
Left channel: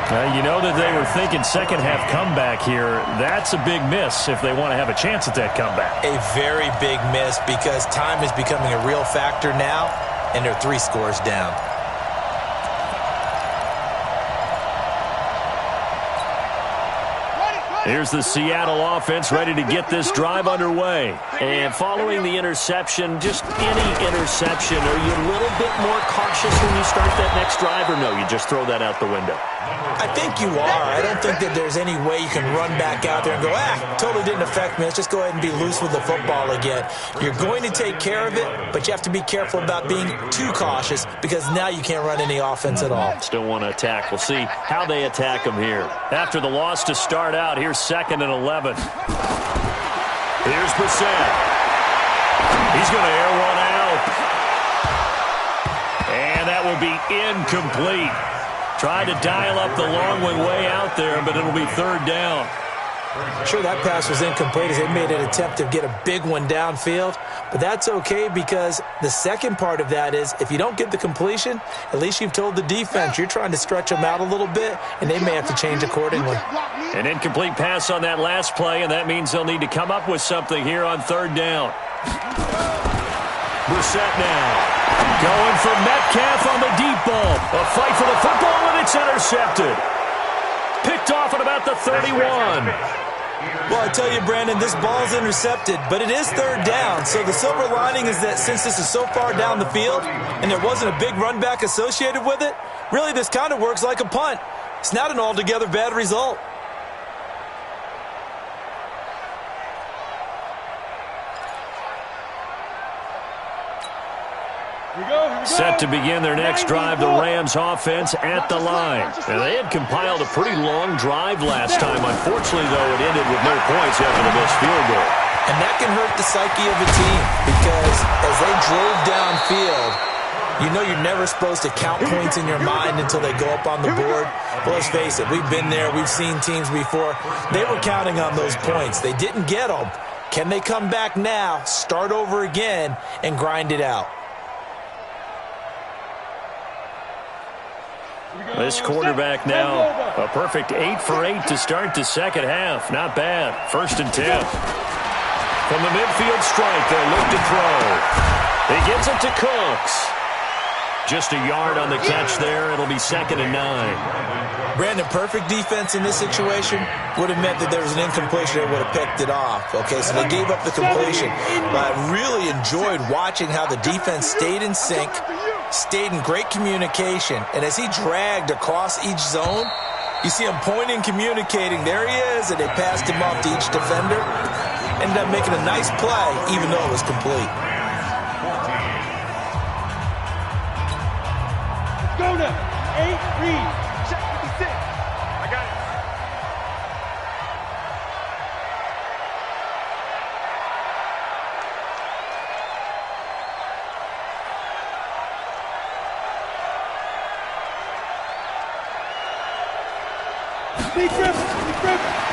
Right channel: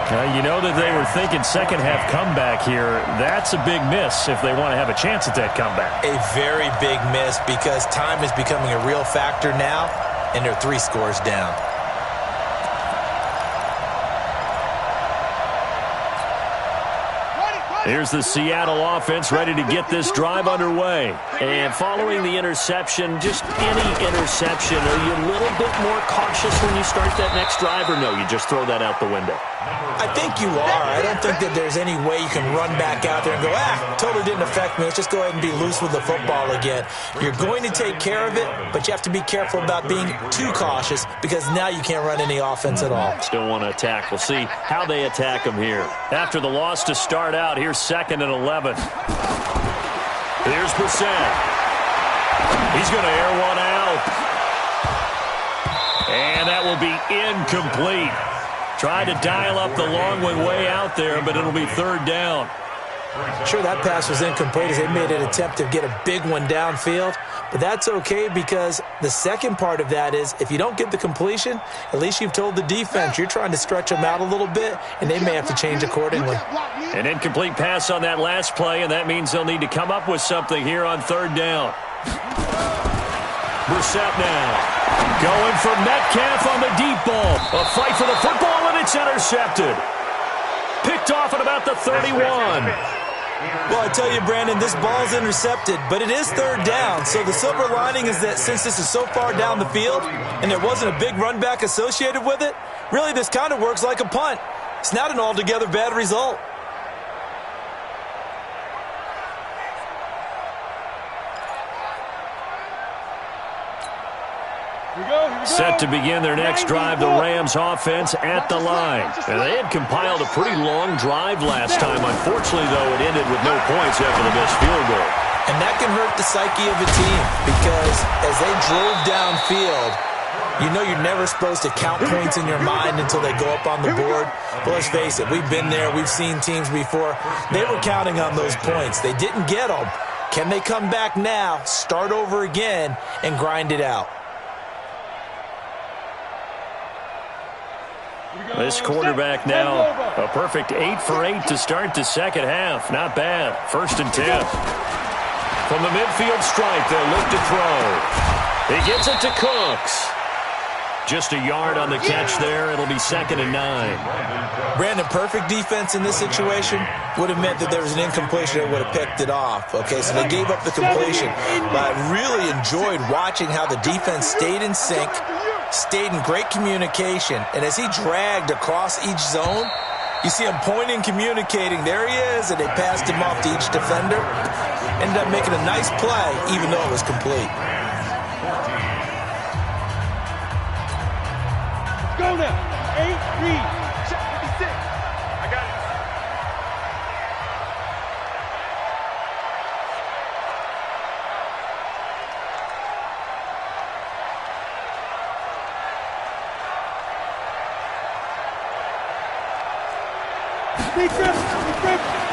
You know that they were thinking second half comeback here. That's a big miss if they want to have a chance at that comeback. A very big miss because time is becoming a real factor now, and they're 3 scores down. Here's the Seattle offense ready to get this drive underway. And following the interception, just any interception, are you a little bit more cautious when you start that next drive, or no, you just throw that out the window? I think you are. I don't think that there's any way you can run back out there and go, totally didn't affect me. Let's just go ahead and be loose with the football again. You're going to take care of it, but you have to be careful about being too cautious because now you can't run any offense at all. Still want to attack. We'll see how they attack them here. After the loss to start out, here's 2nd and 11. Here's Brissett. He's going to air one out. And that will be incomplete. Tried to dial up the long one way out there, but it'll be 3rd down. Sure, that pass was incomplete as they made an attempt to get a big one downfield, but that's okay because the second part of that is if you don't get the completion, at least you've told the defense you're trying to stretch them out a little bit, and they may have to change accordingly. An incomplete pass on that last play, and that means they'll need to come up with something here on 3rd down. Brissett now. Going for Metcalf on the deep ball. A fight for the football, and it's intercepted. Picked off at about the 31. Well, I tell you, Brandon, this ball's intercepted, but it is 3rd down. So the silver lining is that since this is so far down the field and there wasn't a big run back associated with it, really this kind of works like a punt. It's not an altogether bad result. Set to begin their next drive, the Rams offense at the line. And they had compiled a pretty long drive last time. Unfortunately, though, it ended with no points after the missed field goal. And that can hurt the psyche of a team because as they drove downfield, you know you're never supposed to count points in your mind until they go up on the board. But let's face it, we've been there. We've seen teams before. They were counting on those points. They didn't get them. Can they come back now, start over again, and grind it out? This quarterback now, a perfect 8 for 8 to start the second half. Not bad. 1st and 10. From the midfield stripe, they'll look to throw. He gets it to Cooks. Just a yard on the catch there. It'll be 2nd and 9. Brandon, perfect defense in this situation would have meant that there was an incompletion. They would have picked it off. Okay, so they gave up the completion. But I really enjoyed watching how the defense stayed in sync, stayed in great communication, and as he dragged across each zone, you see him pointing, communicating. There he is, and they passed him off to each defender. Ended up making a nice play, even though it was complete. Let's go now. 8, read. Check 56. I got it.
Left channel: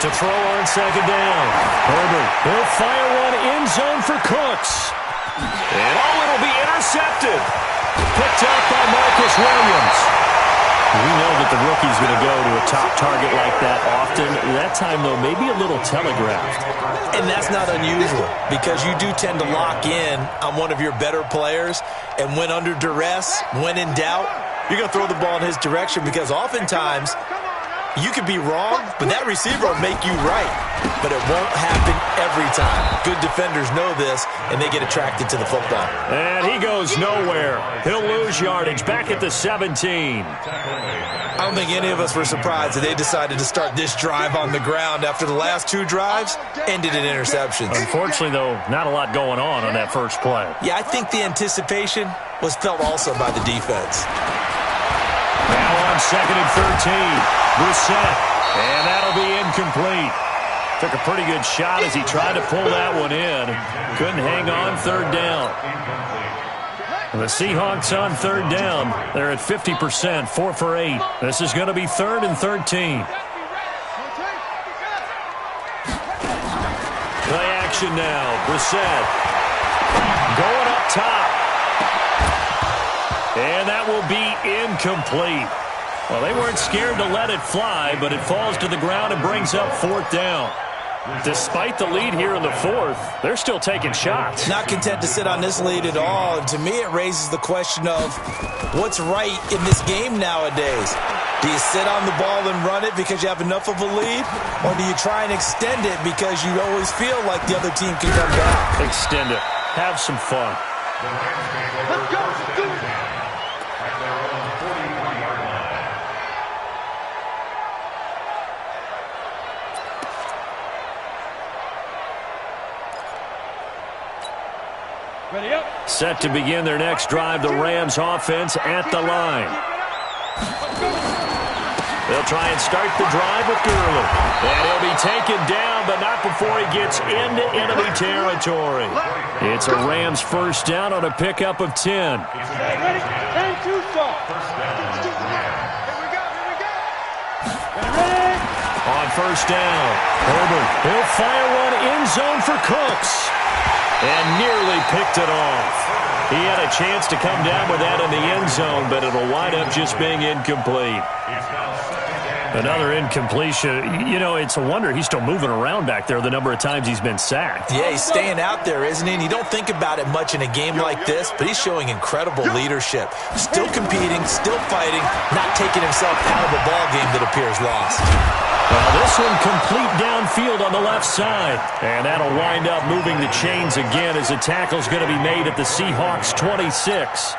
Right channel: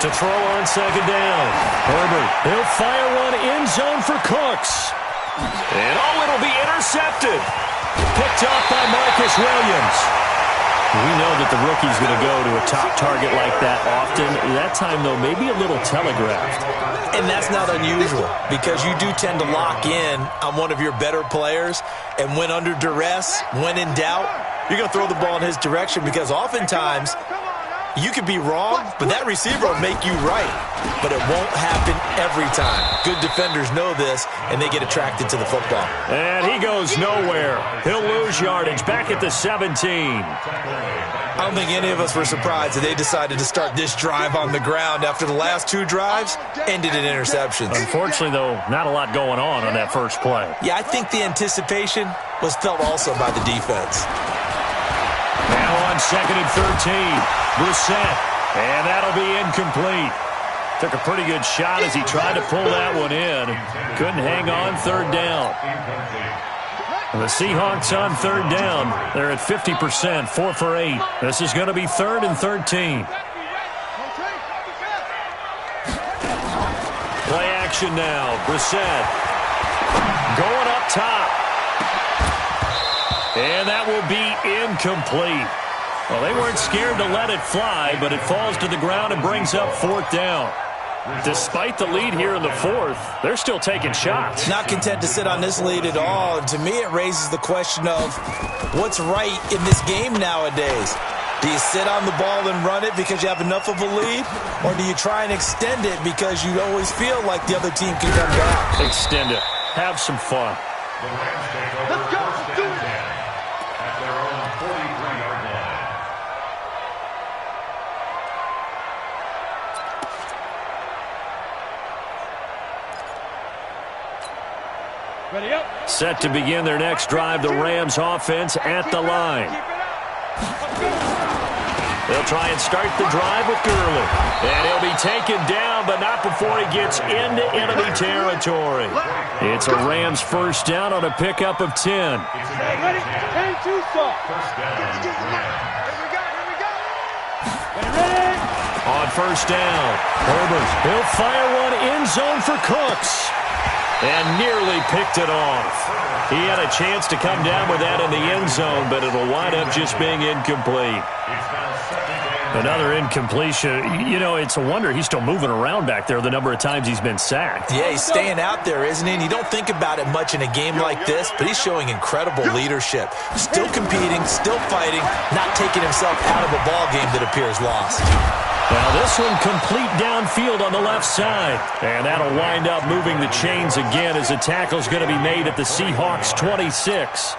To throw on 2nd down. Herbert, he'll fire one end zone for Cooks. And it'll be intercepted. Picked up by Marcus Williams. We know that the rookie's going to go to a top target like that often. That time, though, maybe a little telegraphed. And that's not unusual because you do tend to lock in on one of your better players. And when under duress, when in doubt, you're going to throw the ball in his direction because oftentimes you could be wrong, but that receiver will make you right. But it won't happen every time. Good defenders know this, and they get attracted to the football. And he goes nowhere. He'll lose yardage back at the 17. I don't think any of us were surprised that they decided to start this drive on the ground after the last 2 drives ended in interceptions. Unfortunately, though, not a lot going on that first play. Yeah, I think the anticipation was felt also by the defense. Now on 2nd and 13. Brissett, and that'll be incomplete. Took a pretty good shot as he tried to pull that one in. Couldn't hang on 3rd down. And the Seahawks on 3rd down. They're at 50%, 4 for 8. This is going to be 3rd and 13. Play action now. Brissett going up top. And that will be incomplete. Well, they weren't scared to let it fly, but it falls to the ground and brings up 4th down. Despite the lead here in the 4th, they're still taking shots. Not content to sit on this lead at all. And to me, it raises the question of what's right in this game nowadays. Do you sit on the ball and run it because you have enough of a lead? Or do you try and extend it because you always feel like the other team can come back? Extend it. Have some fun. The Rams take over. Let's go. First Do and it. 10 at their own 43-yard line. Ready up. Set to begin their next drive, the Rams offense at the line. Let's go. They'll try and start the drive with Gurley. And he'll be taken down, but not before he gets into enemy territory. It's a Rams first down on a pickup of 10. Ready? 10 too soft. First down. Here we go. Here we go. Ready? On first down, Herbert. He'll fire one end zone for Cooks. And nearly picked it off. He had a chance to come down with that in the end zone, but it'll wind up just being incomplete. Another incompletion. You know, it's a wonder he's still moving around back there the number of times he's been sacked. Yeah, he's staying out there, isn't he? And you don't think about it much in a game like this, but he's showing incredible leadership. Still competing, still fighting, not taking himself out of a ball game that appears lost. Well, this one complete downfield on the left side. And that'll wind up moving the chains again as the tackle's going to be made at the Seahawks 26.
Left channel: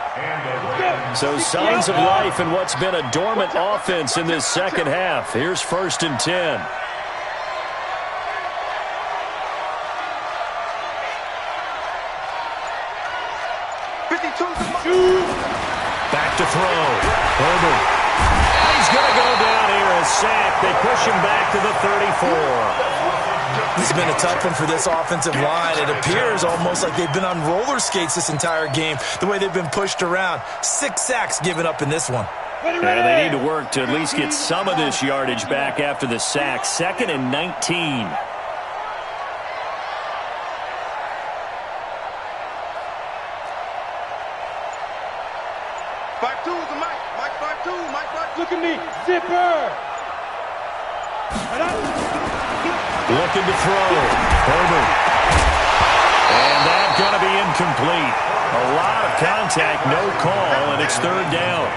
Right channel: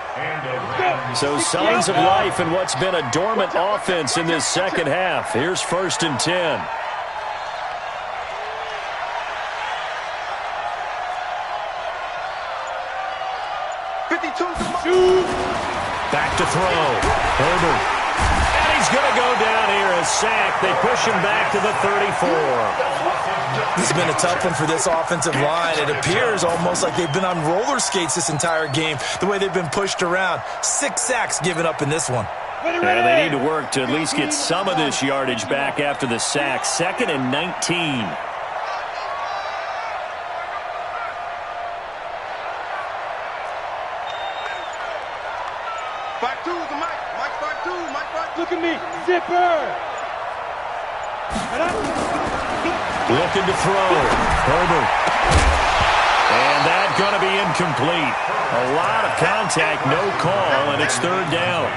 So signs of life in what's been a dormant offense in this second half. Here's 1st and 10. Back to throw. Herbert. He's going to go down here, a sack. They push him back to the 34. This has been a tough one for this offensive line. It appears almost like they've been on roller skates this entire game, the way they've been pushed around. 6 sacks given up in this one. Ready, And they need to work to at least get some of this yardage back after the sack. 2nd and 19. Look at me. Zipper. Looking to throw. Herbert. And that's going to be incomplete. A lot of contact, no call, and it's 3rd down.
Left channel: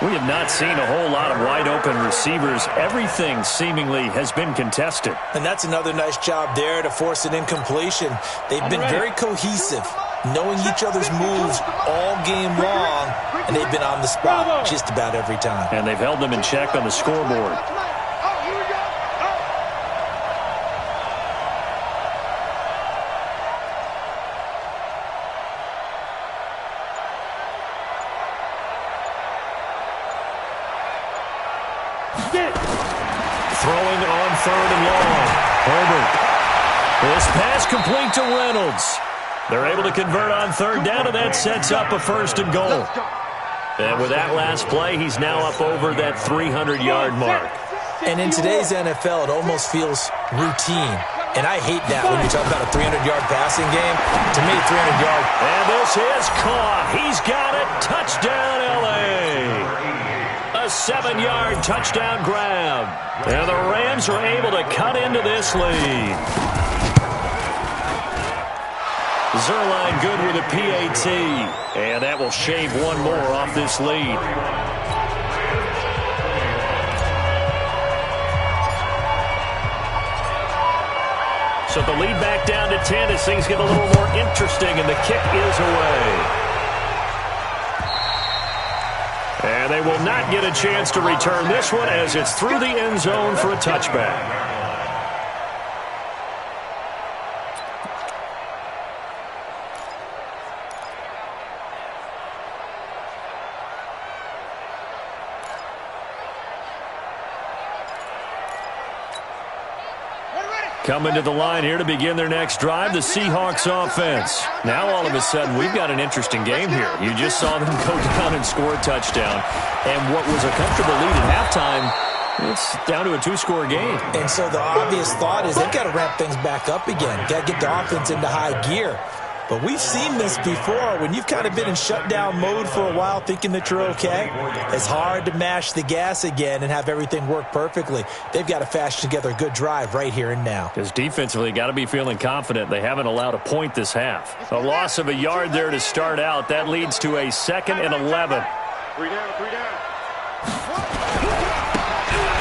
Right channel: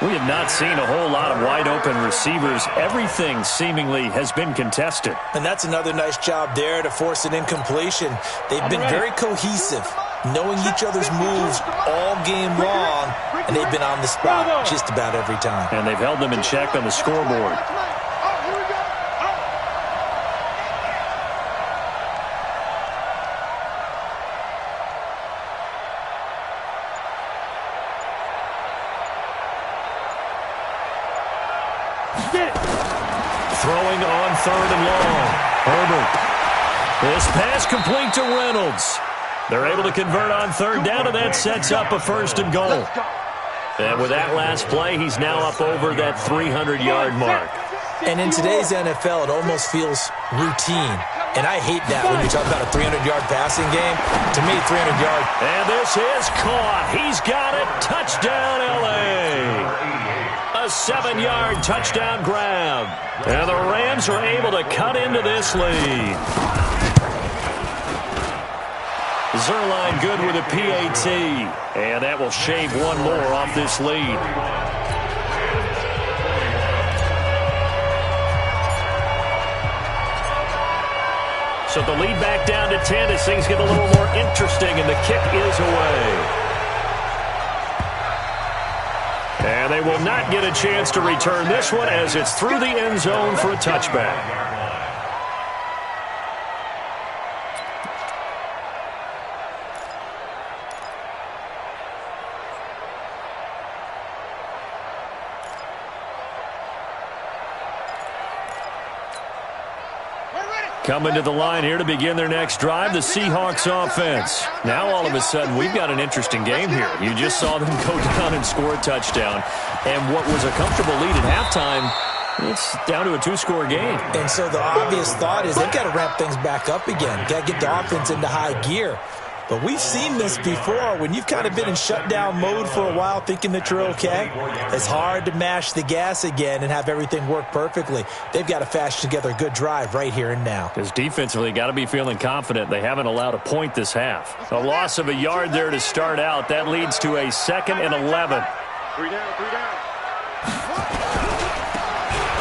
We have not seen a whole lot of wide-open receivers. Everything seemingly has been contested. And that's another nice job there to force an incompletion. They've been very cohesive, knowing each other's moves all game long, and they've been on the spot just about every time. And they've held them in check on the scoreboard. Throwing on 3rd and long. Herbert. This pass complete to Reynolds. They're able to convert on 3rd down, and that sets up a 1st and goal. And with that last play, he's now up over that 300-yard mark. And in today's NFL, it almost feels routine. And I hate that when you talk about a 300-yard passing game. To me, 300 yards. And this is caught. He's got it. Touchdown, L.A. A 7-yard touchdown grab. And the Rams are able to cut into this lead. Zerline good with a PAT. And that will shave one more off this lead. So the lead back down to 10 as things get a little more interesting, and the kick is away. And they will not get a chance to return this one as it's through the end zone for a touchback. Coming to the line here to begin their next drive, the Seahawks offense. Now all of a sudden we've got an interesting game here. You just saw them go down and score a touchdown. And what was a comfortable lead at halftime, it's down to a 2-score game. And so the obvious thought is they've got to ramp things back up again. Got to get the offense into high gear. But we've seen this before. When you've kind of been in shutdown mode for a while thinking that you're okay, it's hard to mash the gas again and have everything work perfectly. They've got to fashion together a good drive right here and now. Because defensively, got to be feeling confident. They haven't allowed a point this half. A loss of a yard there to start out. That leads to a 2nd and 11. 3 down, 3 down.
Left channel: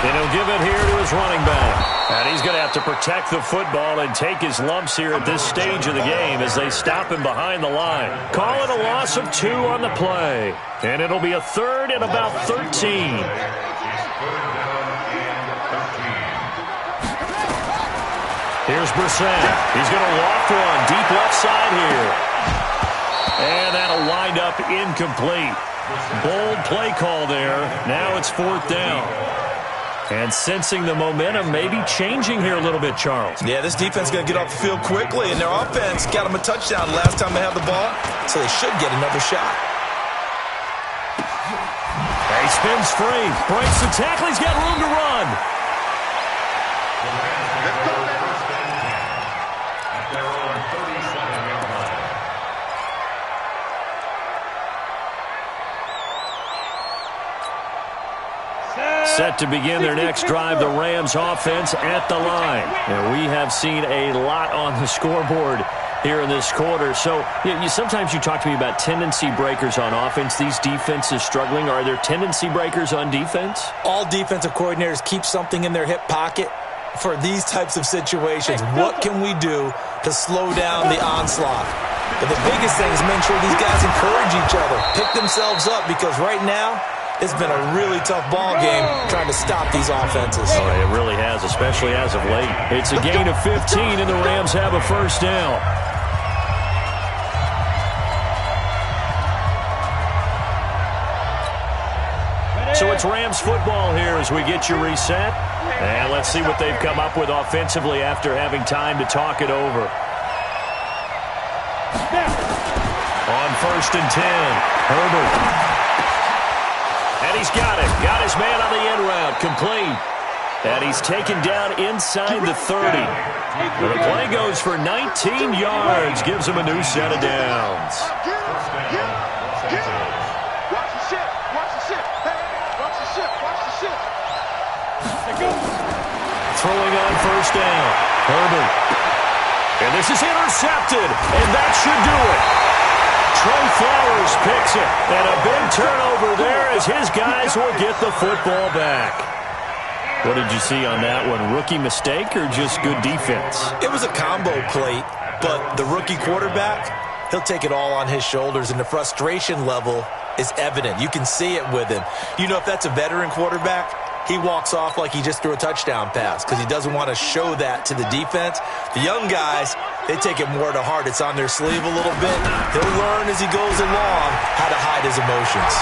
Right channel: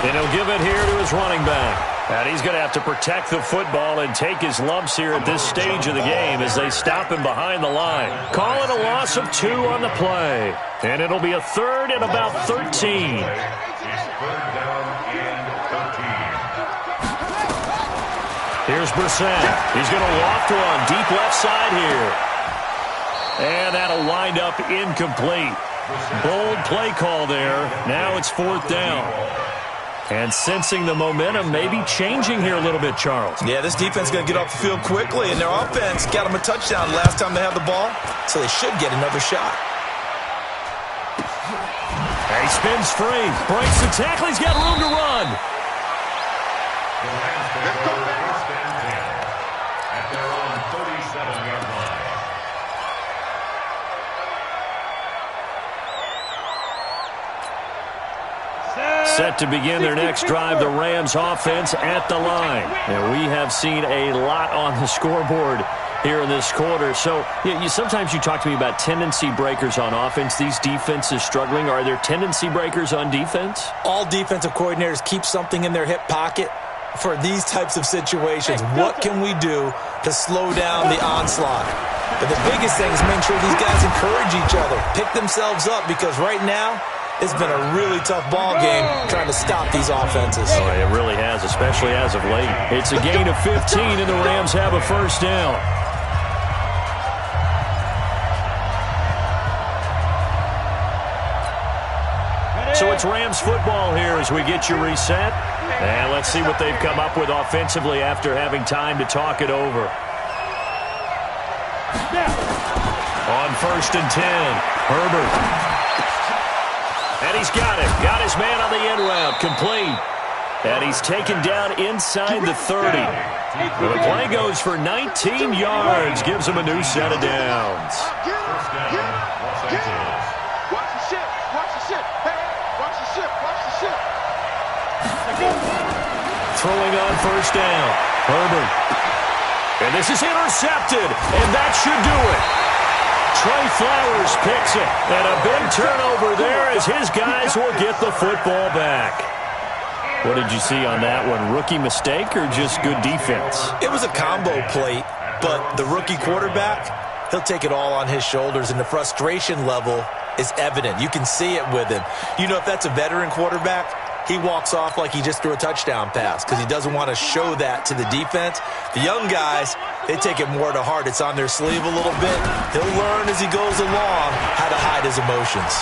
And he'll give it here to his running back. And he's going to have to protect the football and take his lumps here at this stage of the game as they stop him behind the line. Call it a loss of 2 on the play. And it'll be a 3rd and about 13. It's 3rd down and 13. Here's Brissett. He's going to loft one deep left side here. And that'll wind up incomplete. Bold play call there. Now it's 4th down. And sensing the momentum maybe changing here a little bit, Charles. Yeah, this defense is going to get off the field quickly, and their offense got them a touchdown last time they had the ball, so they should get another shot. He spins free, breaks the tackle, he's got room to run. Let's go, baby. First and 10 at their own 37-yard line. Set to begin their next drive, the Rams offense at the line. And we have seen a lot on the scoreboard here in this quarter. So sometimes you talk to me about tendency breakers on offense. These defenses struggling. Are there tendency breakers on defense? All defensive coordinators keep something in their hip pocket for these types of situations. What can we do to slow down the onslaught? But the biggest thing is make sure these guys encourage each other, pick themselves up, because right now, it's been a really tough ball game trying to stop these offenses. Oh, it really has, especially as of late. It's a gain of 15, and the Rams have a first down. So it's Rams football here as we get you reset. And let's see what they've come up with offensively after having time to talk it over. On 1st and 10, Herbert. And he's got it. Got his man on the end route. Complete. And he's taken down inside the 30. The play goes for 19 yards. Gives him a new set of downs. First down, Los Angeles. Watch the ship. Watch the ship. Hey, watch the ship. Watch the ship. Throwing on 1st down. Herbert. And this is intercepted. And that should do it. Trey Flowers picks it, and a big turnover there as his guys will get the football back. What did you see on that one? Rookie mistake or just good defense? It was a combo plate, but the rookie quarterback, he'll take it all on his shoulders, and the frustration level is evident. You can see it with him. You know, if that's a veteran quarterback, he walks off like he just threw a touchdown pass because he doesn't want to show that to the defense. The young guys, they take it more to heart. It's on their sleeve a little bit. He'll learn as he goes along how to hide his emotions.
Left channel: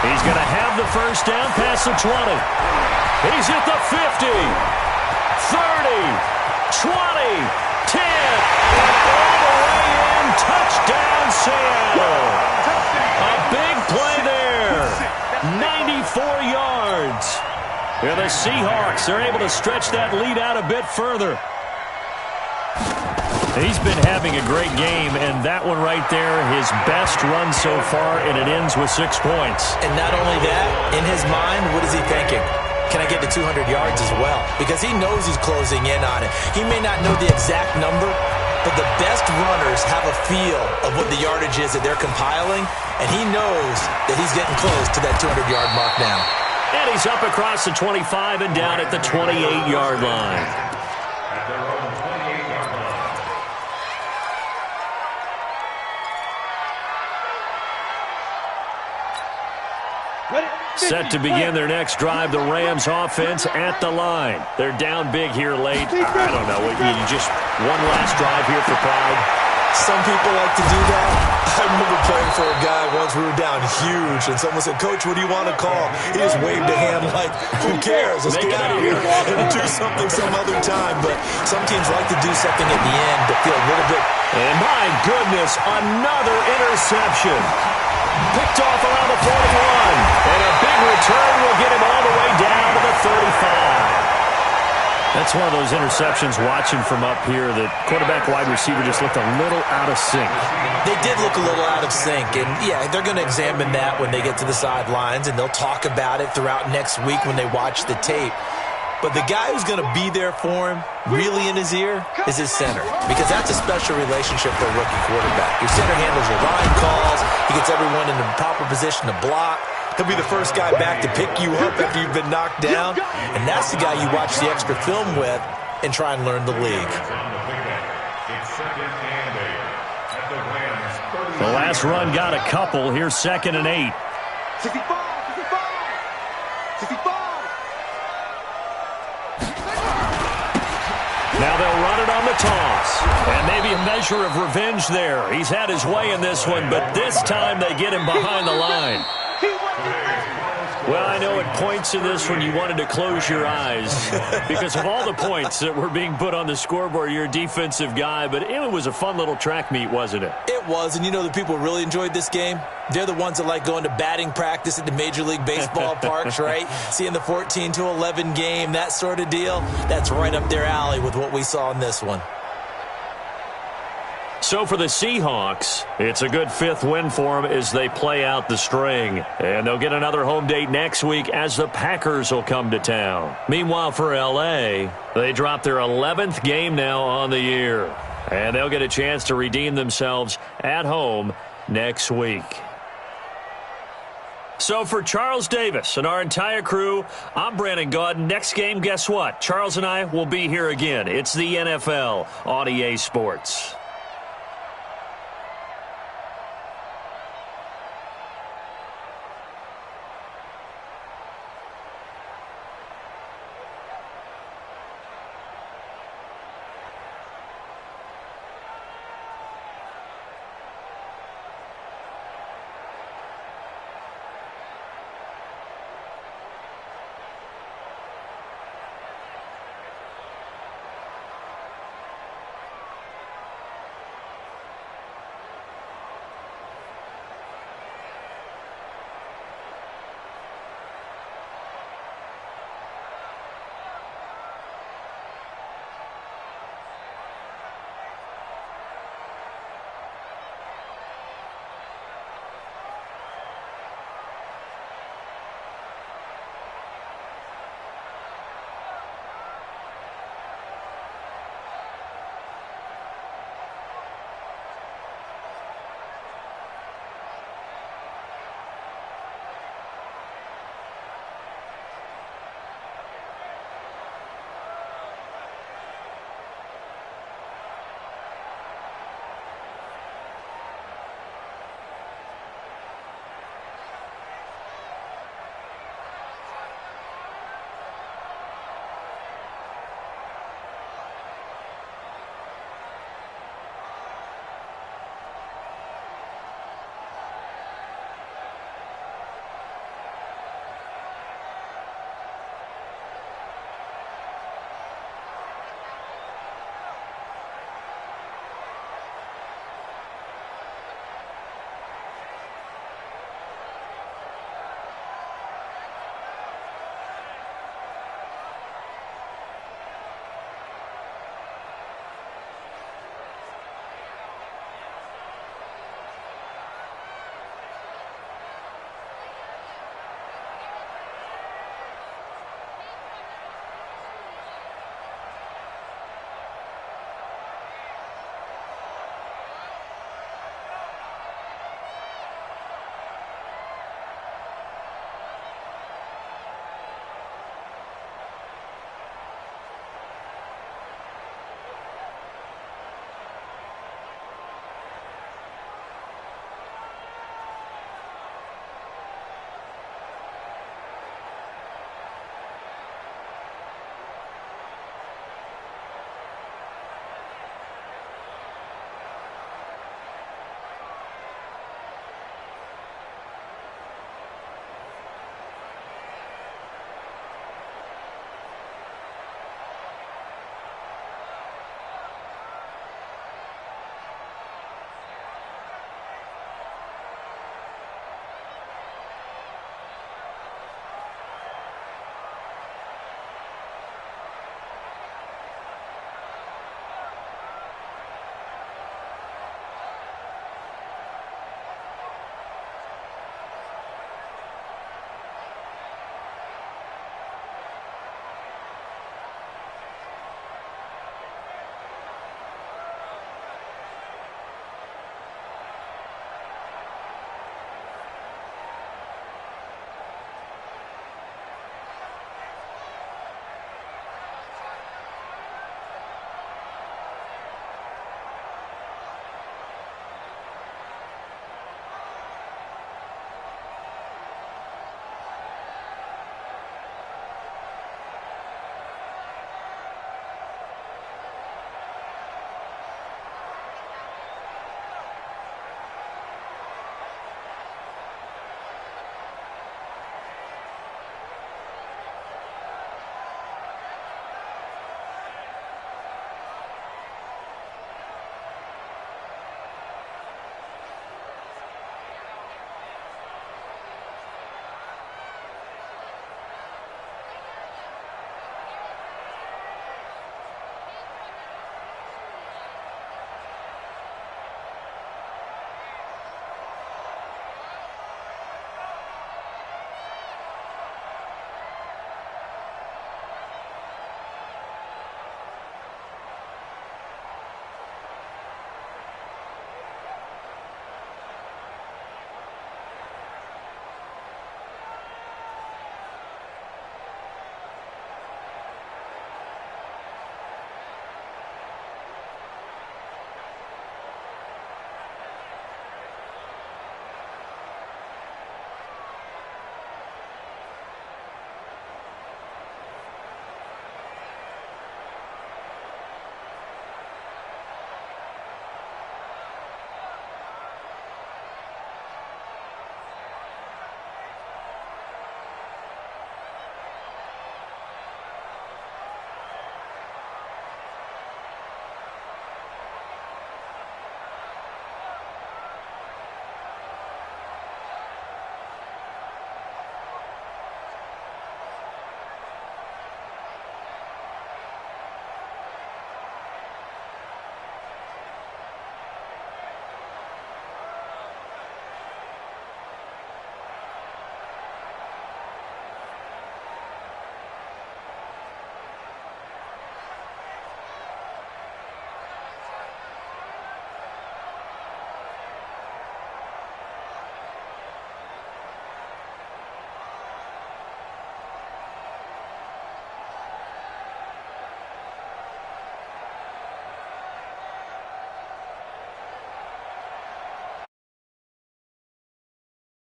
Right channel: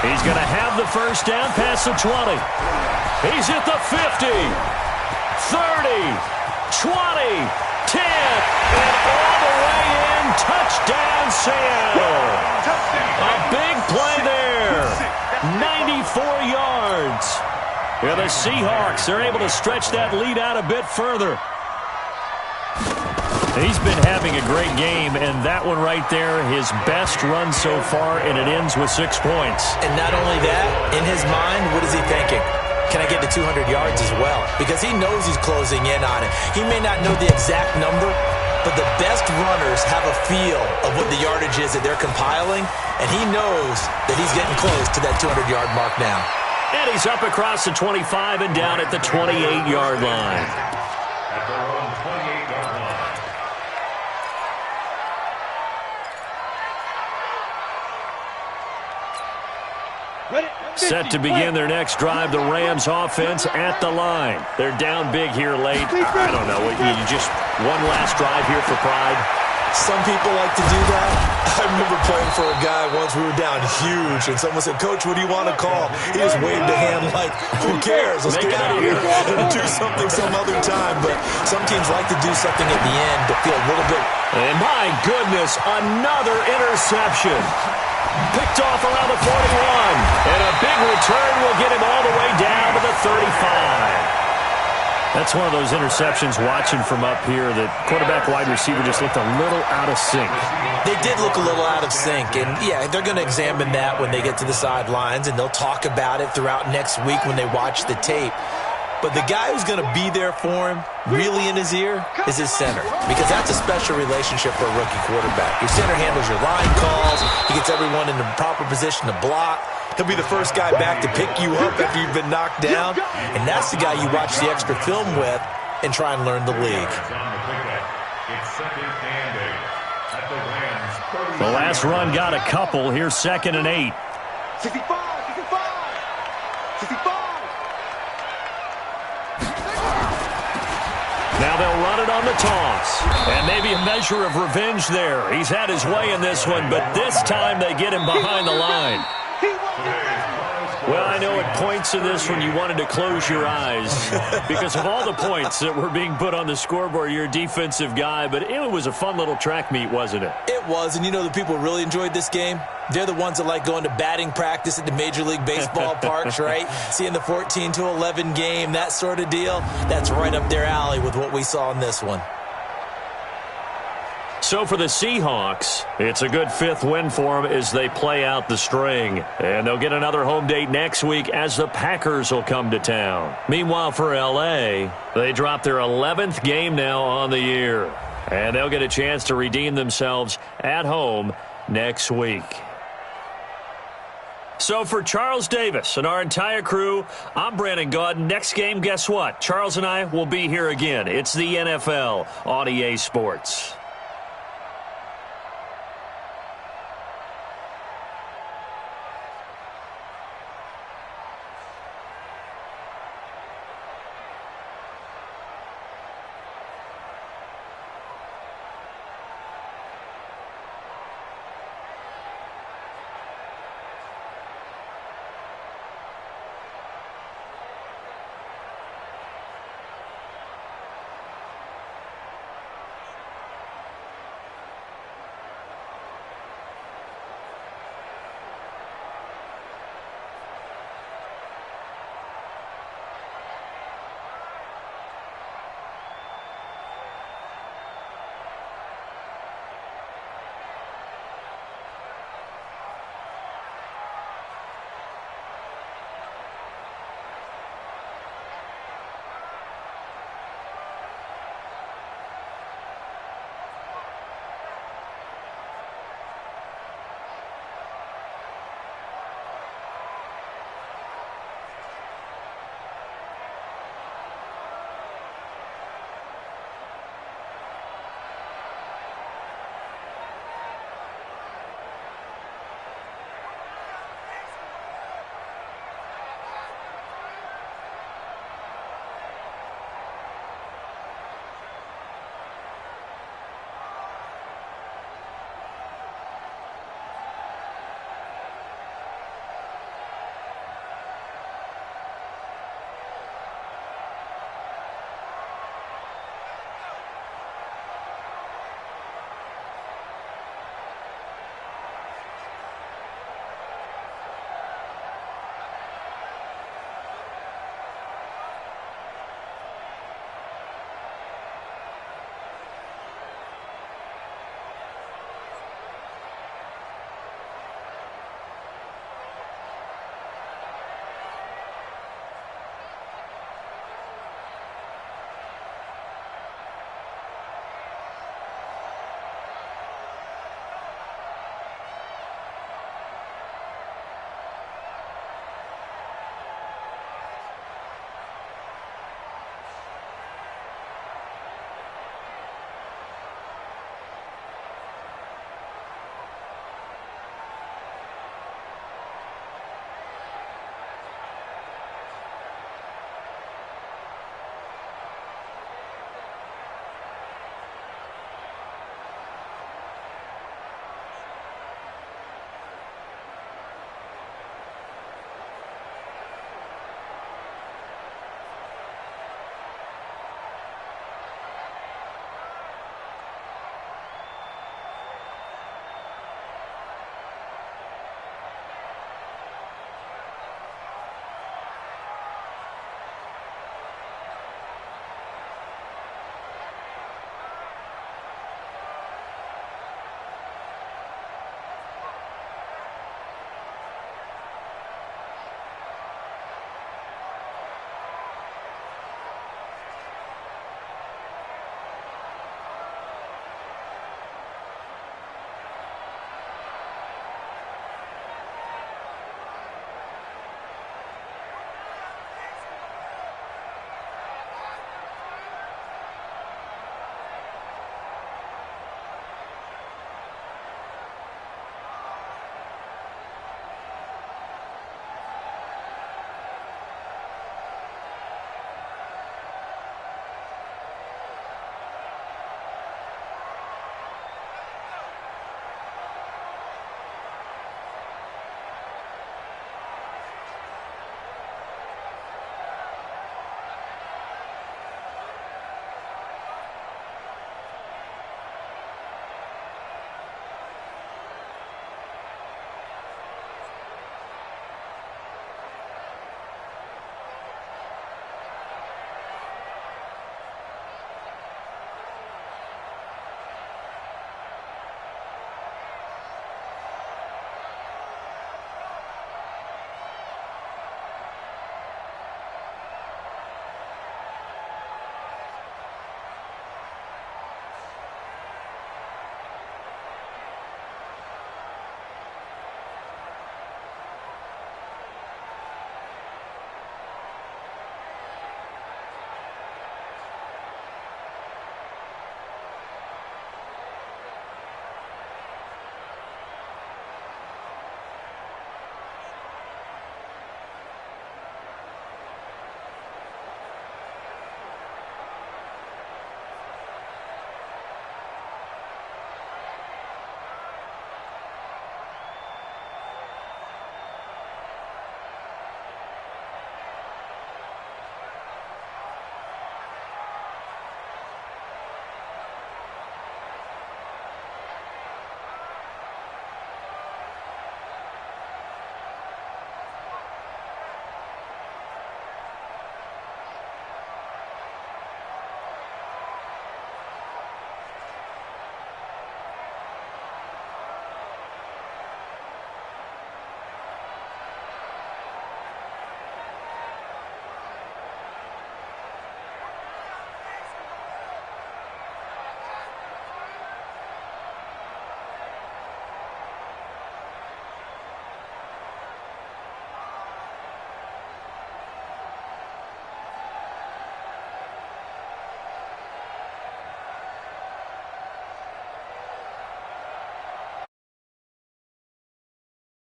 He's going to have the first down past the 20. He's at the 50, 30, 20, 10, and all the way in. Touchdown, Seattle. A big play there. 94 yards. And the Seahawks are able to stretch that lead out a bit further. He's been having a great game, and that one right there, his best run so far, and it ends with 6 points. And not only that, in his mind, what is he thinking? Can I get to 200 yards as well? Because he knows he's closing in on it. He may not know the exact number, but the best runners have a feel of what the yardage is that they're compiling, and he knows that he's getting close to that 200-yard mark now. And he's up across the 25 and down at the 28-yard line. At their own 28-yard line. Set to begin their next drive, the Rams offense at the line. They're down big here late. I don't know. You just one last drive here for pride. Some people like to do that. I remember playing for a guy once. We were down huge, and someone said, "Coach, what do you want to call?" He just waved a hand like, "Who cares? Let's get out of here and do something some other time." But some teams like to do something at the end to feel a little bit. And my goodness, another interception. Picked off around the 41. And a big return will get him all the way down to the 35. That's one of those interceptions watching from up here that quarterback wide receiver just looked a little out of sync. They did look a little out of sync, and yeah, they're going to examine that when they get to the sidelines, and they'll talk about it throughout next week when they watch the tape. But the guy who's going to be there for him, really in his ear, is his center, because that's a special relationship for a rookie quarterback. Your center handles your line calls. He gets everyone in the proper position to block. He'll be the first guy back to pick you up after you've been knocked down, and that's the guy you watch the extra film with and try and learn the league. The last run got a couple. Here's 2nd and 8. 65, 65, 65. Now they'll run it on the toss. And maybe a measure of revenge there. He's had his way in this one, but this time they get him behind the line. Well, I know at points in this one you wanted to close your eyes because of all the points that were being put on the scoreboard. You're a defensive guy, but it was a fun little track meet, wasn't it? It was, and you know the people who really enjoyed this game? They're the ones that like going to batting practice at the Major League Baseball parks, right? Seeing the 14-11 game, that sort of deal. That's right up their alley with what we saw in this one. So for the Seahawks, it's a good 5th win for them as they play out the string. And they'll get another home date next week as the Packers will come to town. Meanwhile, for L.A., they drop their 11th game now on the year. And they'll get a chance to redeem themselves at home next week. So for Charles Davis and our entire crew, I'm Brandon Gaudin. Next game, guess what? Charles and I will be here again. It's the NFL on EA Sports.